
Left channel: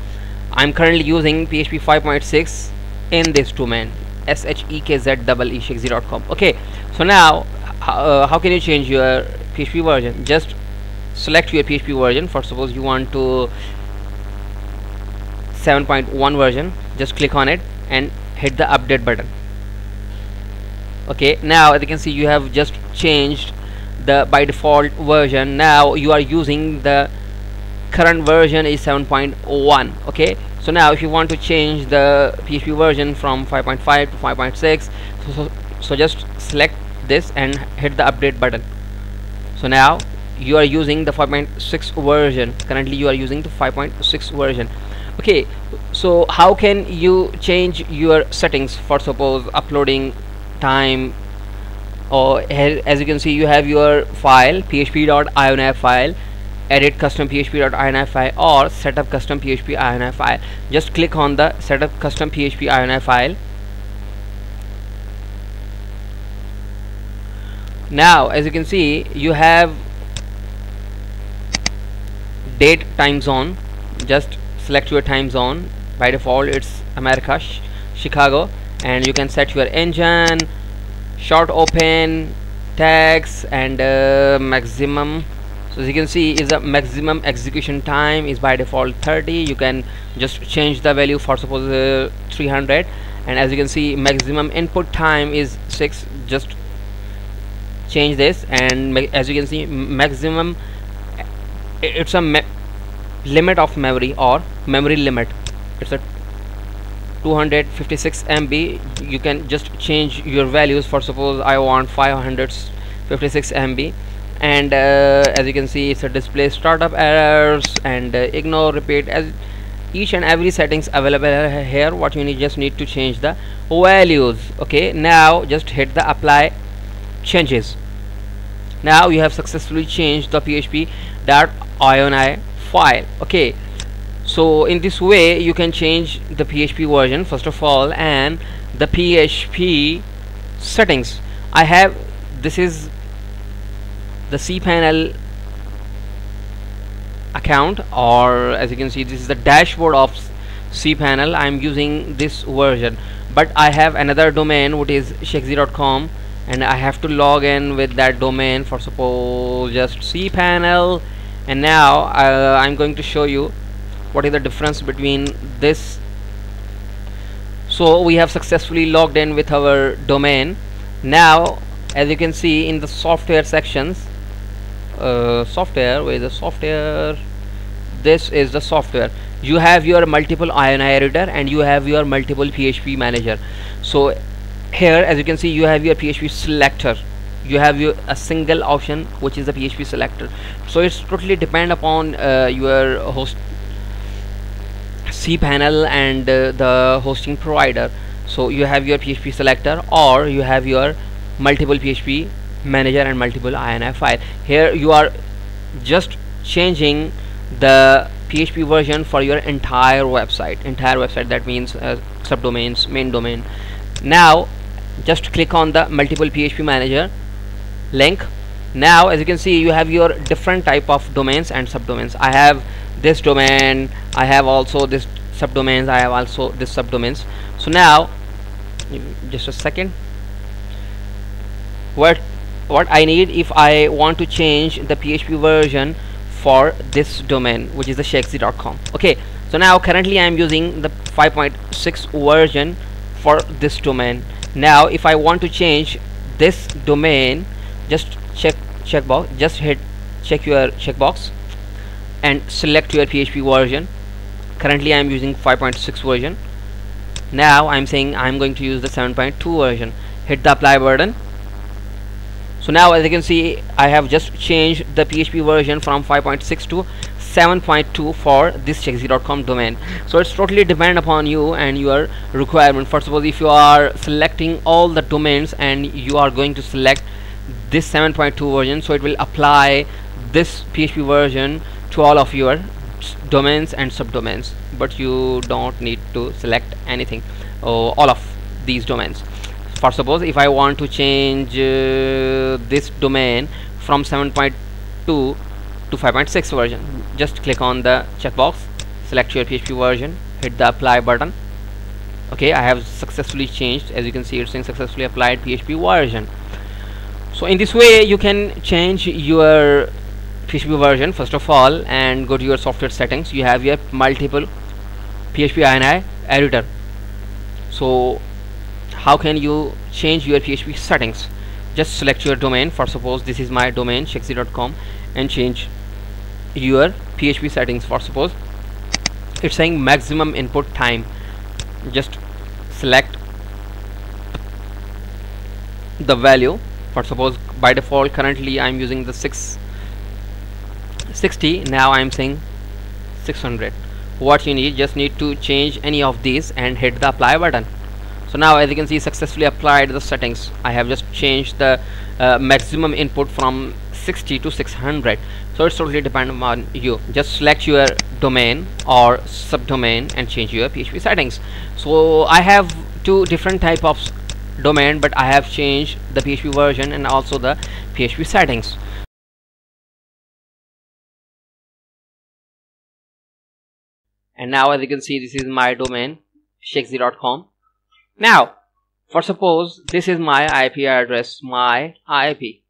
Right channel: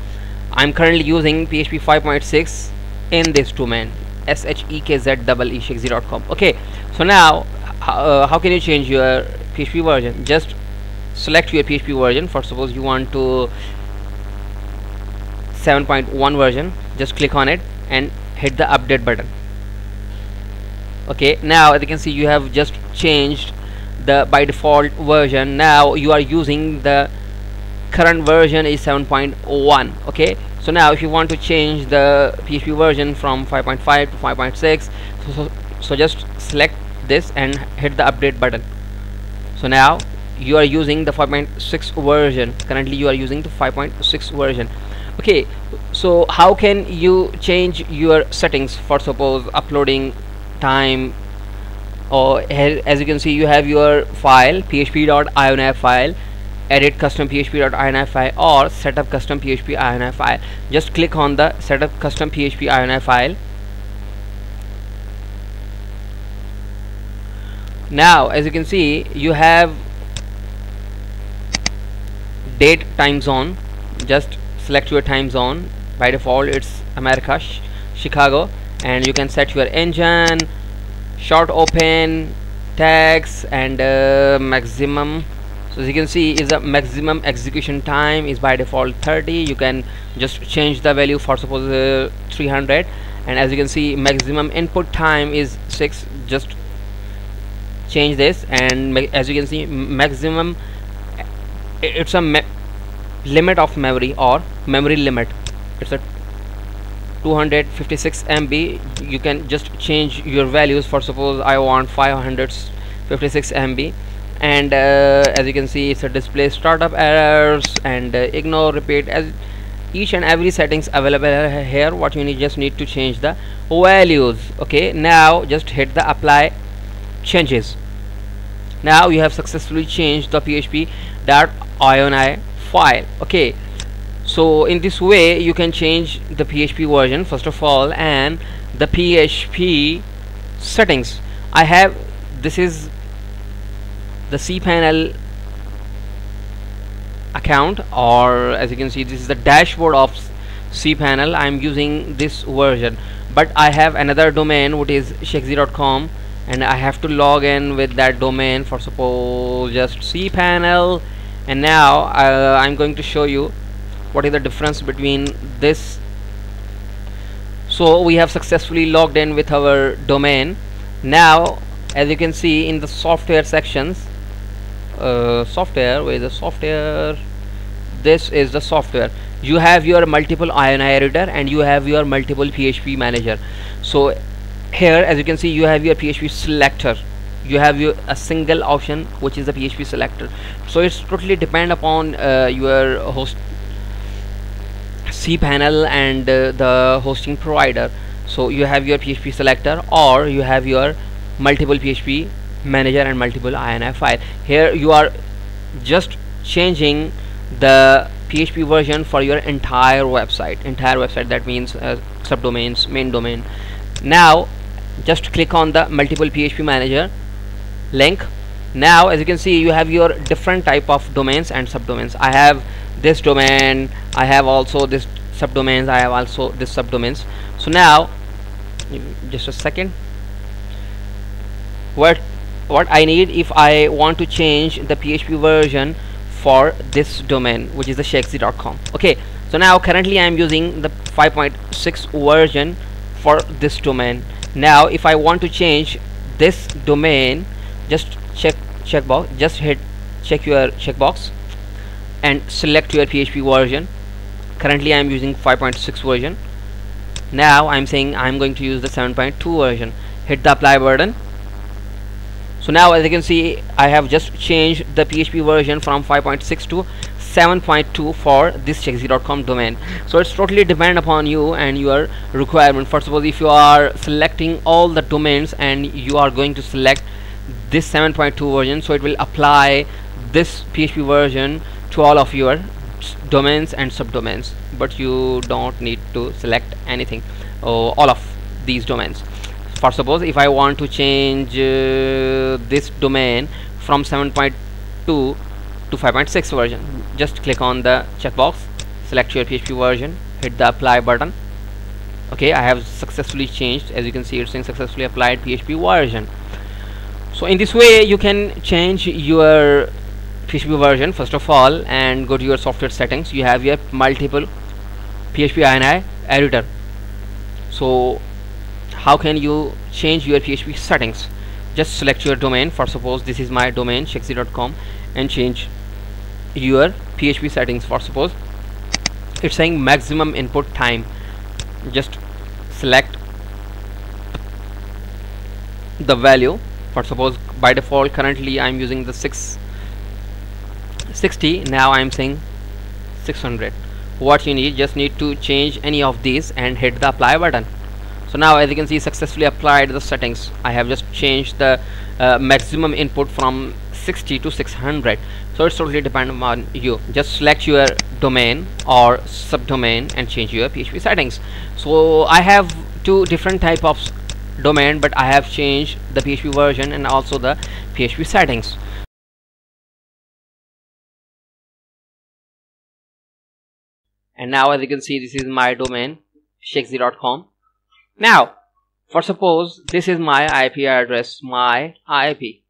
I'm currently using PHP 5.6 in this domain, shekz.com. okay, so now how can you change your PHP version? Just select your PHP version. For suppose you want to 7.1 version, just click on it and hit the update button. okay, now as you can see you have just changed the by default version. Now you are using the current version is 7.1. okay, so now if you want to change the PHP version from 5.5 to 5.6, so just select this and hit the update button. So now you are using the 5.6 version. Currently you are using the 5.6 version. okay, so how can you change your settings? For suppose uploading time, or as you can see you have your file php.ini file, edit custom php.ini file, or setup custom php.ini file. Just click on the setup custom php.ini file. Now as you can see you have date time zone. Just select your time zone. By default it's America, Chicago, and you can set your engine, short open, tags, and maximum. So as you can see is the maximum execution time is by default 30. You can just change the value for suppose 300, and as you can see maximum input time is 6. Just change this, and as you can see maximum, it's a limit of memory or memory limit. It's a 256 MB. You can just change your values. For suppose I want 556 MB, and as you can see it's a display startup errors and ignore repeat. As each and every settings available here, what you just need to change the values. okay, now just hit the apply changes. Now you have successfully changed the php.ini file. okay, so in this way you can change the PHP version first of all, and the PHP settings. I have, this is the cPanel account, or as you can see this is the dashboard of cPanel. I'm using this version, but I have another domain which is shekz.com, and I have to log in with that domain. For suppose just cPanel, and now I'm going to show you what is the difference between this. So we have successfully logged in with our domain. Now as you can see in the software sections, software, where is the software? This is the software. You have your multiple INI editor and you have your multiple PHP manager. So here as you can see you have your PHP selector. You have a single option which is the PHP selector. So it's totally depend upon your host cPanel and the hosting provider. So you have your PHP selector, or you have your multiple PHP manager and multiple INI file. Here you are just changing the PHP version for your entire website. That means subdomains, main domain. Now just click on the multiple PHP manager link, Now as you can see, you have your different type of domains and subdomains. I have this domain, I have also this subdomains, I have also this subdomains. So now just a second, what I need, if I want to change the PHP version for this domain, which is the shexy.com. okay, so now currently I am using the 5.6 version for this domain. Now if I want to change this domain, just checkbox, just hit check your checkbox and select your PHP version. Currently I am using 5.6 version. Now I'm saying I'm going to use the 7.2 version. Hit the apply button. So now as you can see, I have just changed the PHP version from 5.6 to 7.2 for this shexy.com domain. So it's totally depend upon you and your requirement. First of all, if you are selecting all the domains and you are going to select this 7.2 version, so it will apply this PHP version to all of your domains and subdomains, but you don't need to select anything, all of these domains. For suppose if I want to change this domain from 7.2 to 5.6 version, just click on the checkbox, select your PHP version, hit the apply button. Okay, I have successfully changed. As you can see, it's saying successfully applied PHP version. So in this way you can change your PHP version first of all, and go to your software settings. You have your multiple PHP INI editor. So how can you change your PHP settings? Just select your domain. For suppose this is my domain shexy.com, and change your PHP settings. For suppose it's saying maximum input time, just select the value. For suppose by default currently I'm using the 660. Now I'm saying 600. What you need, just need to change any of these and hit the apply button. So now as you can see, successfully applied the settings. I have just changed the maximum input from 60 to 600. So it's totally dependent on you. Just select your domain or subdomain and change your PHP settings. So I have two different type of domain, but I have changed the PHP version and also the PHP settings. And now as you can see, this is my domain shexy.com. Now for suppose this is my IP address, my IP,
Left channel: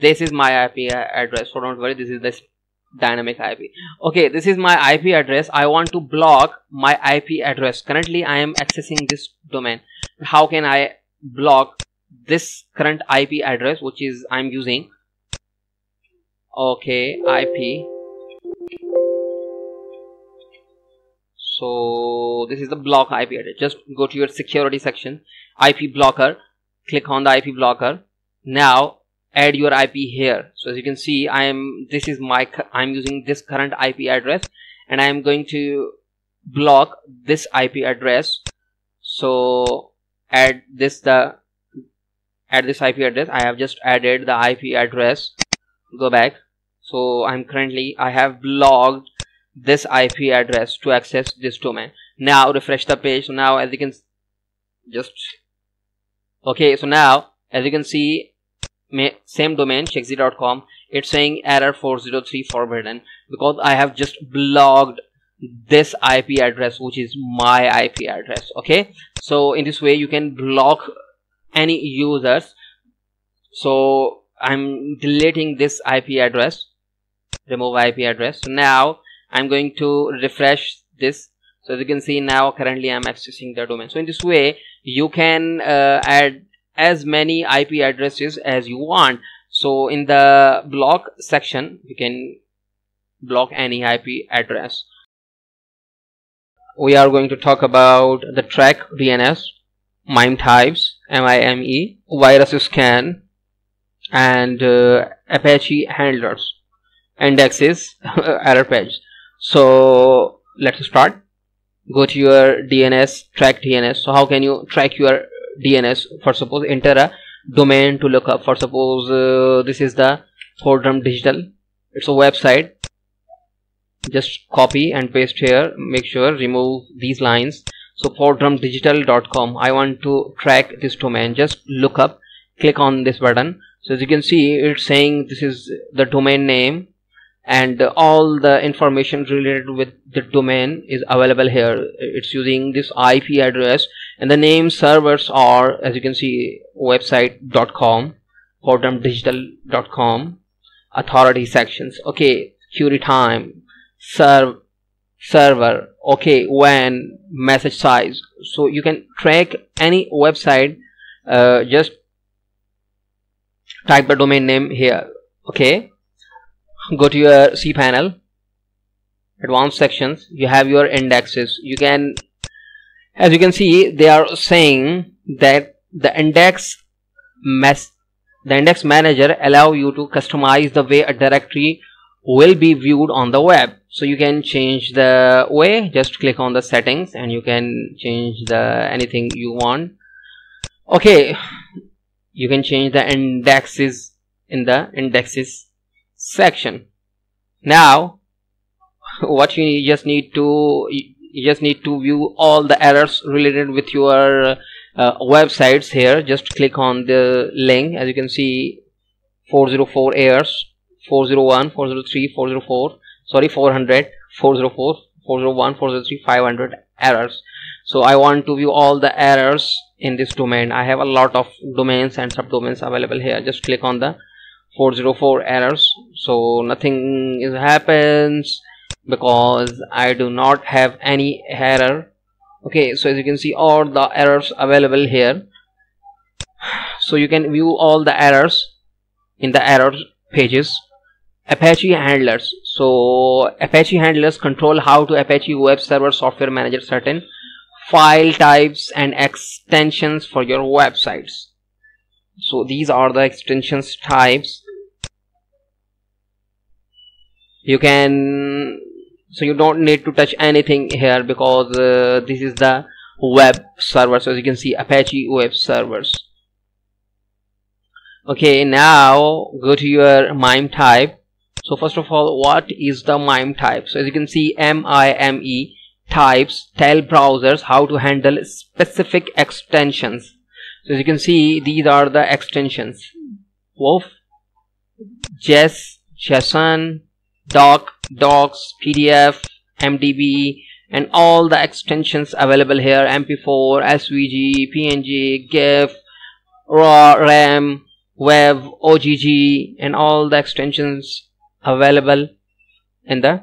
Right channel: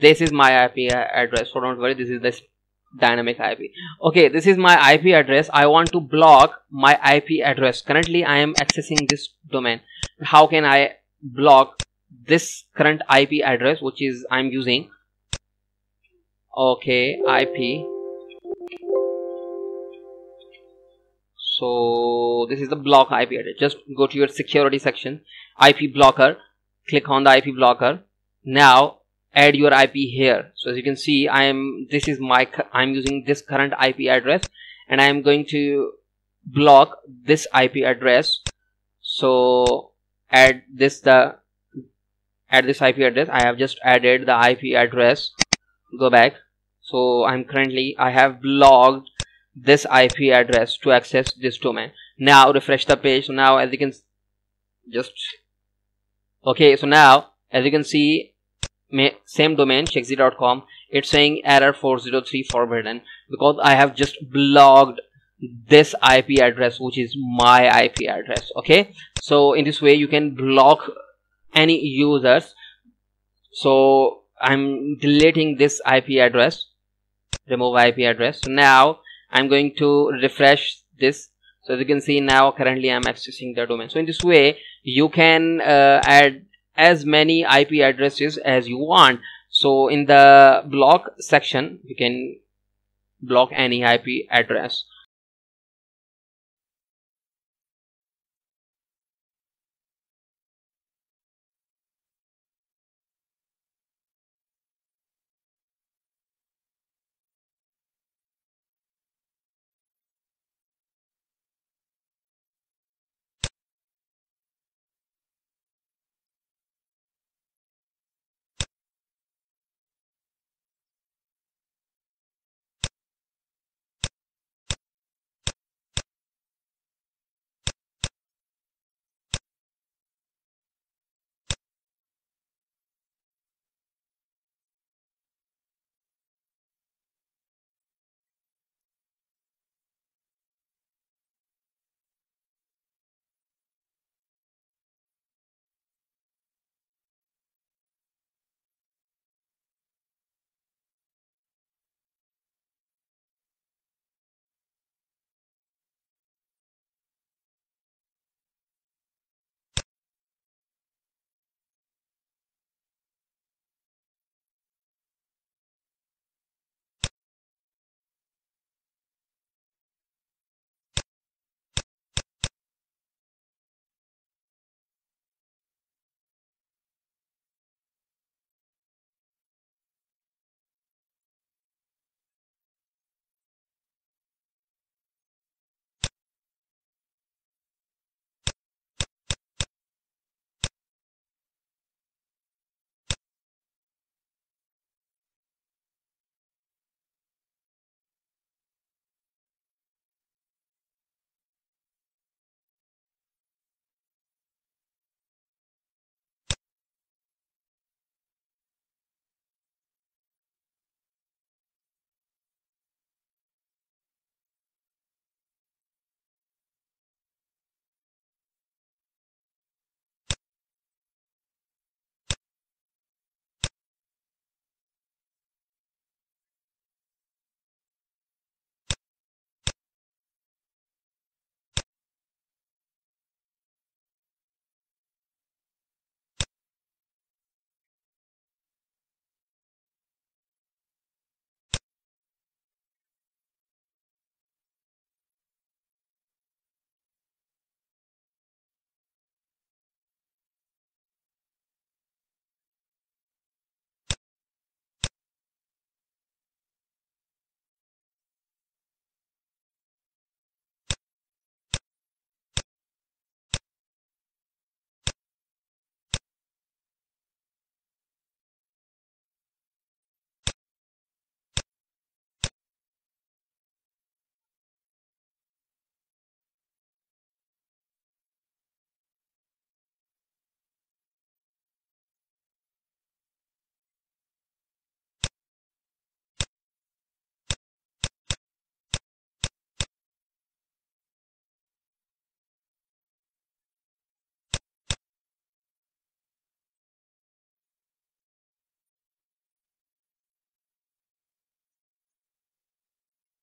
this is my IP address, so don't worry, this is this dynamic IP. Okay, this is my IP address. I want to block my IP address. Currently I am accessing this domain. How can I block this current IP address which is I'm using? Okay, IP, so this is the block IP address. Just go to your security section, IP blocker, click on the IP blocker. Now add your IP here. So as you can see, I'm using this current IP address, and I am going to block this IP address. So add this IP address. I have just added the IP address. Go back. So I have blocked this IP address to access this domain. Now refresh the page. So now as you can okay, so now as you can see, same domain shexy.com, it's saying error 403 forbidden, because I have just blocked this IP address which is my IP address. Okay, so in this way you can block any users. So I'm deleting this IP address, remove IP address. So now I'm going to refresh this. So as you can see, now currently I'm accessing the domain. So in this way you can add as many IP addresses as you want. So in the block section you can block any IP address. We are going to talk about the track DNS, MIME types, MIME, virus scan, and Apache handlers, indexes, error page. So let's start. Go to your DNS, track DNS. So how can you track your DNS? For suppose enter a domain to look up. For suppose this is the Fordham Digital, it's a website. Just copy and paste here. Make sure remove these lines. So fordhamdigital.com, I want to track this domain. Just look up, click on this button. So as you can see, it's saying this is the domain name, and all the information related with the domain is available here. It's using this IP address, and the name servers are, as you can see, website.com, fortumdigital.com, authority sections, okay, query time, server, okay, when, message size. So you can track any website. Just type the domain name here. Okay, go to your cPanel, advanced sections. You have your indexes. You can, as you can see, they are saying that the index manager allow you to customize the way a directory will be viewed on the web. So you can change the way. Just click on the settings and you can change the anything you want. Okay, you can change the indexes in the indexes section. Now what you just need to view all the errors related with your websites here. Just click on the link. As you can see, 404 errors, 401, 403, 404, sorry, 400, 404, 401, 403, 500 errors. So I want to view all the errors in this domain. I have a lot of domains and subdomains available here. Just click on the 404 errors. So nothing happens because I do not have any error. Okay, so as you can see, all the errors available here. So you can view all the errors in the error pages. Apache handlers. So Apache handlers control how to Apache web server software manager certain file types and extensions for your websites. So these are the extensions types. You can, so you don't need to touch anything here because this is the web server. So as you can see, Apache web servers. Okay, now go to your MIME type. So first of all, what is the MIME type? So as you can see, MIME types tell browsers how to handle specific extensions. So as you can see, these are the extensions: WOF, JES, JSON, doc, docs, PDF, MDB, and all the extensions available here: MP4, SVG, PNG, GIF, RAW, RAM, WAV, OGG, and all the extensions available in the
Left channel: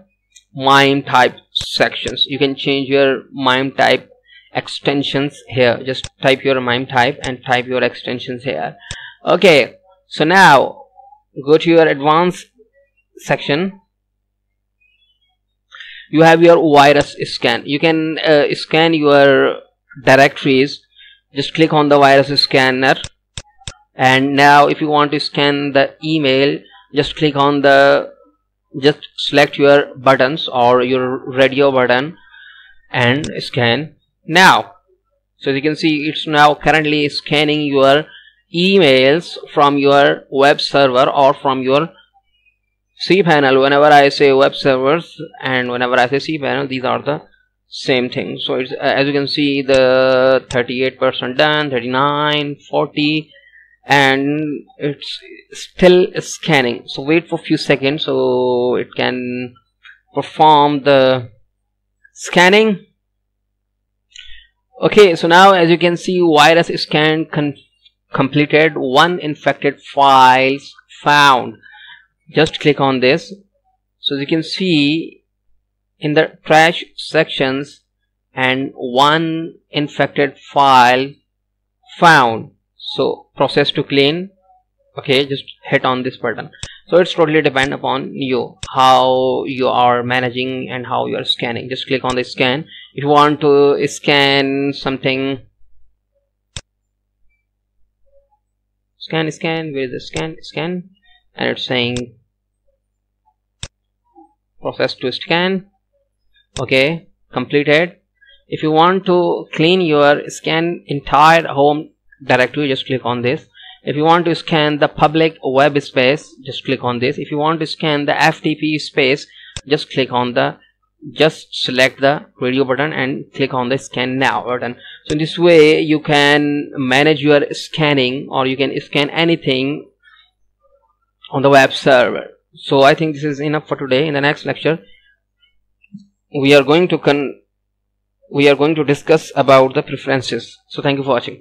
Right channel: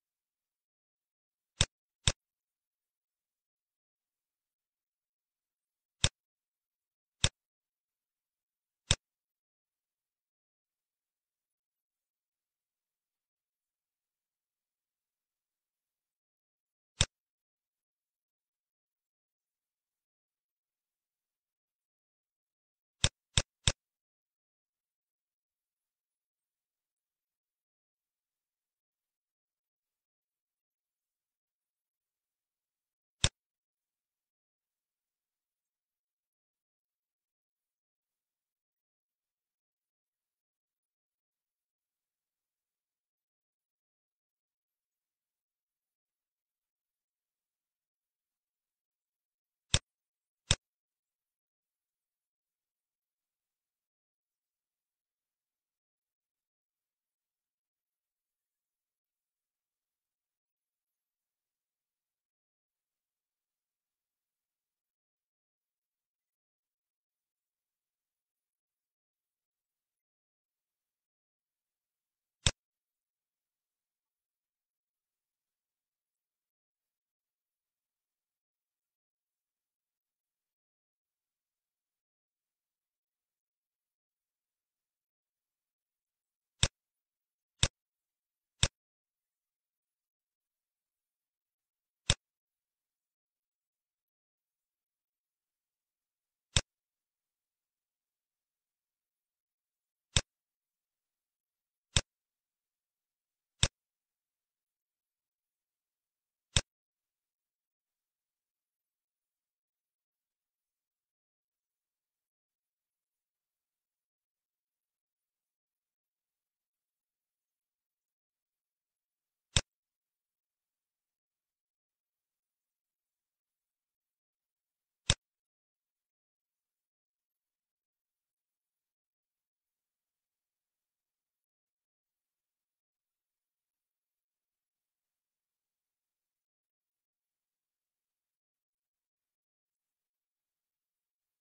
MIME type sections. You can change your MIME type extensions here. Just type your MIME type and type your extensions here. Okay, so now go to your advanced section. You have your virus scan. You can scan your directories. Just click on the virus scanner, and now if you want to scan the email, just click on the, just select your buttons or your radio button and scan now. So as you can see, it's now currently scanning your emails from your web server or from your cPanel. Whenever I say web servers and whenever I say cPanel, these are the same thing. So it's as you can see, the 38% done, 39, 40, and it's still scanning. So wait for a few seconds so it can perform the scanning. Okay, so now as you can see, virus scan completed, 1 infected files found. Just click on this. So as you can see, in the trash sections, and 1 infected file found. So process to clean. Okay, just hit on this button. So it's totally depend upon you, how you are managing and how you are scanning. Just click on the scan. If you want to scan something, scan, where is the scan, and it's saying process to scan. Okay, completed. If you want to clean your scan entire home directory, just click on this. If you want to scan the public web space, just click on this. If you want to scan the FTP space, just click on the, just select the radio button and click on the scan now button. So in this way you can manage your scanning, or you can scan anything on the web server. So I think this is enough for today. In the next lecture we are going to discuss about the preferences. So thank you for watching.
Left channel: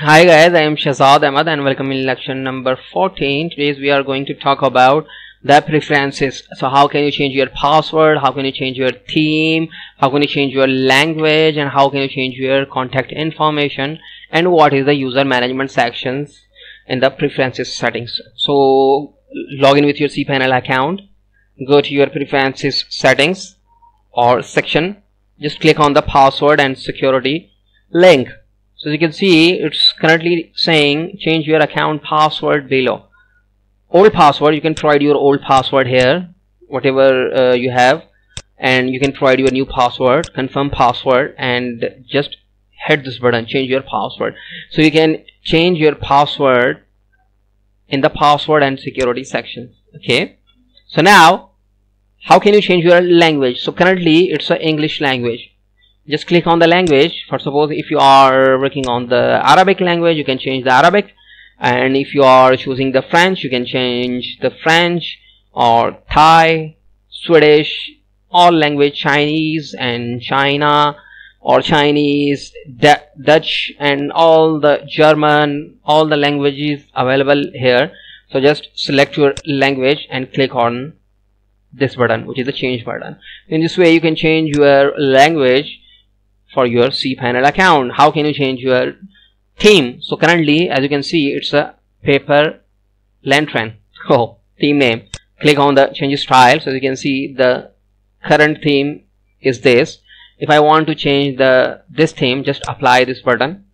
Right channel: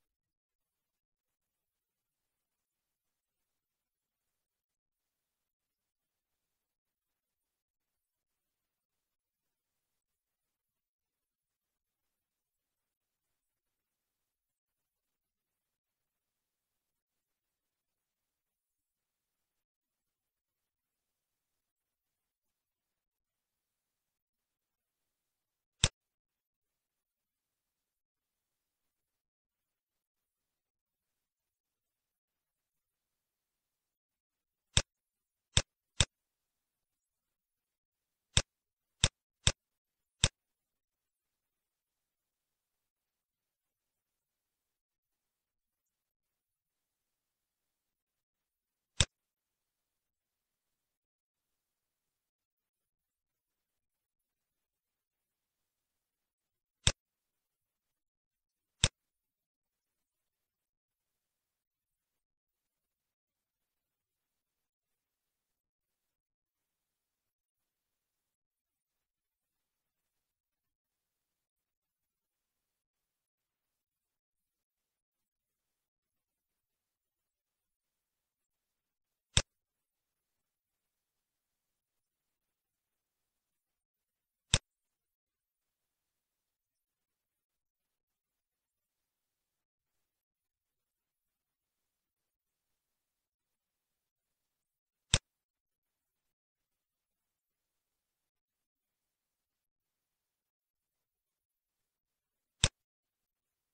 Hi guys, I am Shahzad Ahmad and welcome in lecture number 14. Today we are going to talk about the preferences. So how can you change your password, how can you change your theme, how can you change your language, and how can you change your contact information, and what is the user management sections in the preferences settings. So log in with your cPanel account, go to your preferences settings or section, just click on the password and security link. So as you can see, it's currently saying change your account password below. Old password, you can provide your old password here, whatever you have, and you can provide your new password, confirm password, and just hit this button, change your password. So you can change your password in the password and security section. Okay, so now how can you change your language? So currently it's an English language. Just click on the language. For suppose if you are working on the Arabic language, you can change the Arabic, and if you are choosing the French, you can change the French, or Thai, Swedish, all language, Chinese and China, or Chinese, Dutch, and all the German, all the languages available here. So just select your language and click on this button, which is the change button. In this way you can change your language for your cPanel account. How can you change your theme? So currently, as you can see, it's a paper lantern. Oh, theme name. Click on the change style. So you can see the current theme is this. If I want to change this theme, just apply this button.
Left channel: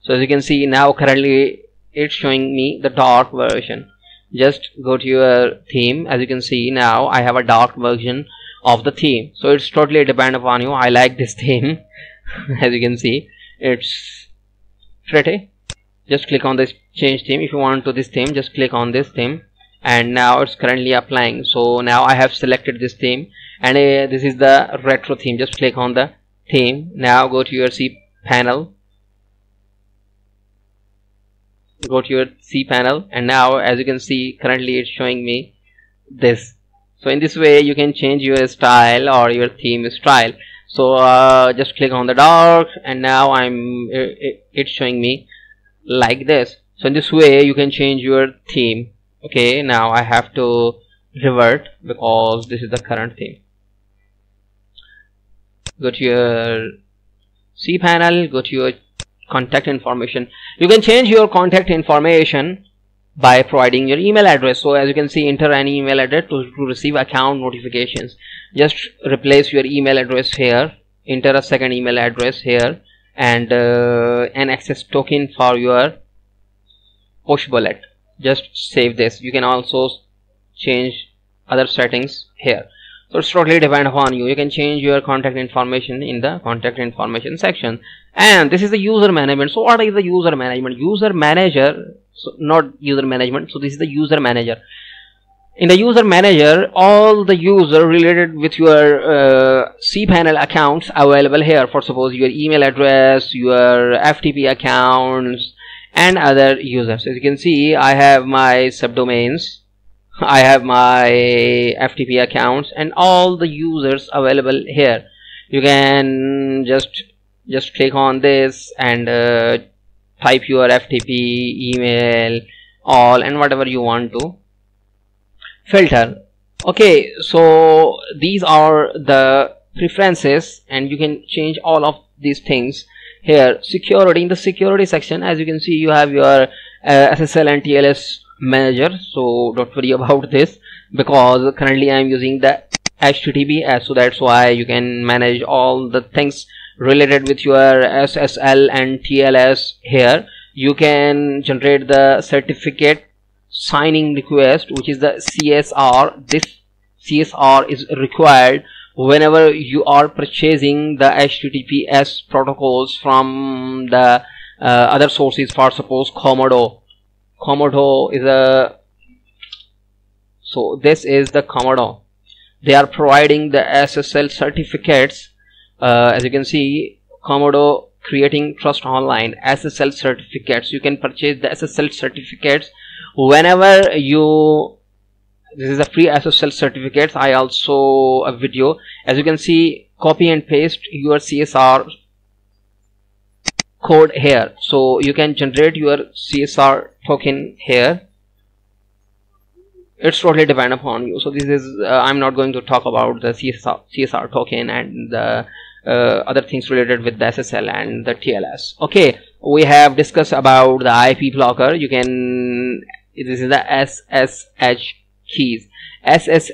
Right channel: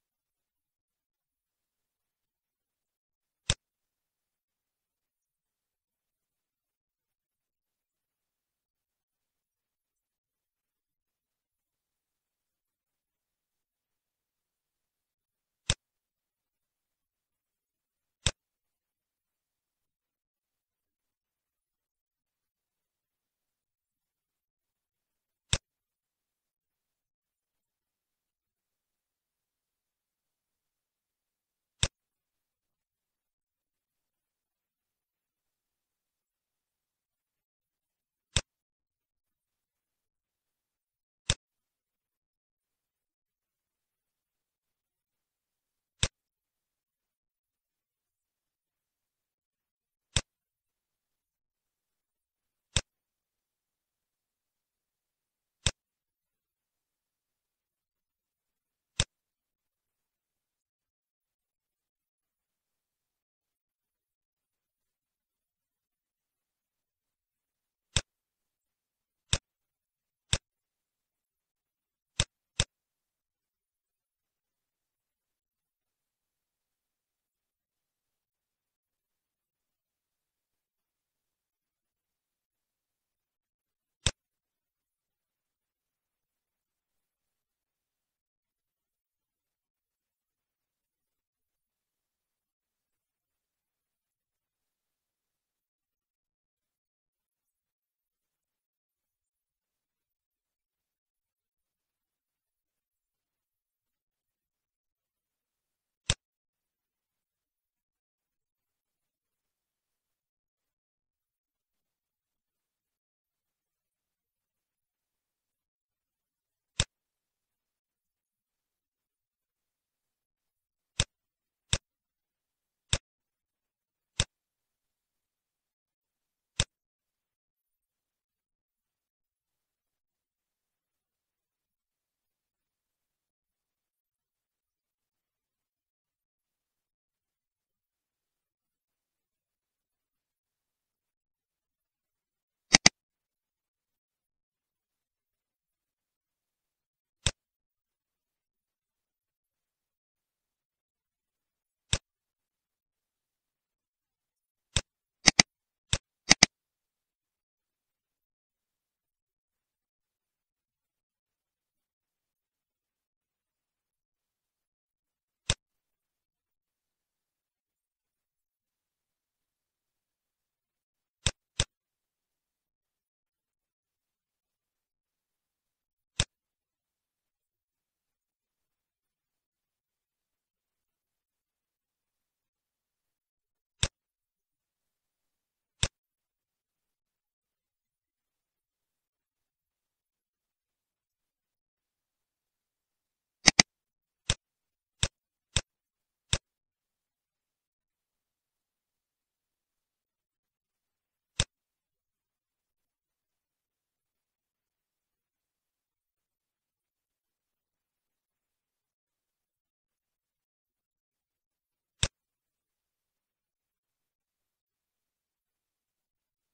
So as you can see, now currently it's showing me the dark version. Just go to your theme. As you can see, now I have a dark version of the theme. So it's totally depend upon you. I like this theme. As you can see, it's pretty. Just click on this change theme. If you want to this theme, just click on this theme, and now it's currently applying. So now I have selected this theme, and this is the retro theme. Just click on the theme. Now go to your cPanel, go to your cPanel, and now as you can see, currently it's showing me this. So in this way you can change your style or your theme style. So just click on the dark, and now it's showing me like this. So in this way you can change your theme. Okay, now I have to revert because this is the current theme. Go to your cPanel, go to your contact information. You can change your contact information by providing your email address. So as you can see, enter an email address to receive account notifications. Just replace your email address here, enter a second email address here, and an access token for your push bullet. Just save this. You can also change other settings here. So it's totally depend upon you. You can change your contact information in the contact information section. And this is the user management. So what is the user management? User manager, so not user management. So this is the user manager. In the user manager, all the user related with your cPanel accounts available here. For suppose your email address, your FTP accounts, and other users. As you can see, I have my subdomains, I have my FTP accounts, and all the users available here. You can just click on this and type your FTP, email, all, and whatever you want to filter. Okay, so these are the preferences, and you can change all of these things here. Security, in the security section, as you can see, you have your SSL and TLS manager. So don't worry about this, because currently I am using the HTTPS, so that's why you can manage all the things related with your SSL and TLS here. You can generate the certificate signing request, which is the CSR. This CSR is required whenever you are purchasing the HTTPS protocols from the other sources. For suppose Comodo is a, so this is the Comodo. They are providing the SSL certificates. As you can see, Comodo creating trust online SSL certificates. You can purchase the SSL certificates whenever you. This is a free SSL certificates. I also a video. As you can see, copy and paste your CSR code here, so you can generate your CSR token here. It's totally depend upon you. So this is I'm not going to talk about the CSR token and the other things related with the SSL and the TLS. Okay, we have discussed about the IP blocker. You can, this is the SSH keys. SS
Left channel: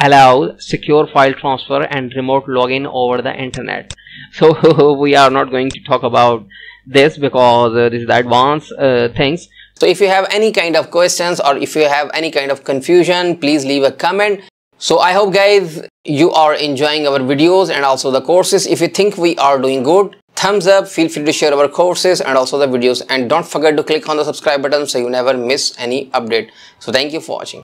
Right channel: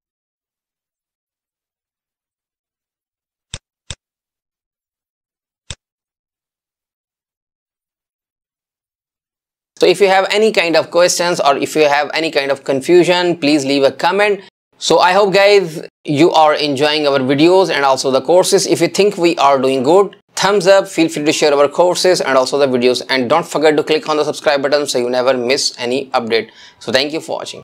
allows secure file transfer and remote login over the internet. So we are not going to talk about this because this is the advanced things. So if you have any kind of questions or if you have any kind of confusion, please leave a comment. So I hope guys you are enjoying our videos and also the courses. If you think we are doing good, thumbs up, feel free to share our courses and also the videos, and don't forget to click on the subscribe button so you never miss any update. So thank you for watching.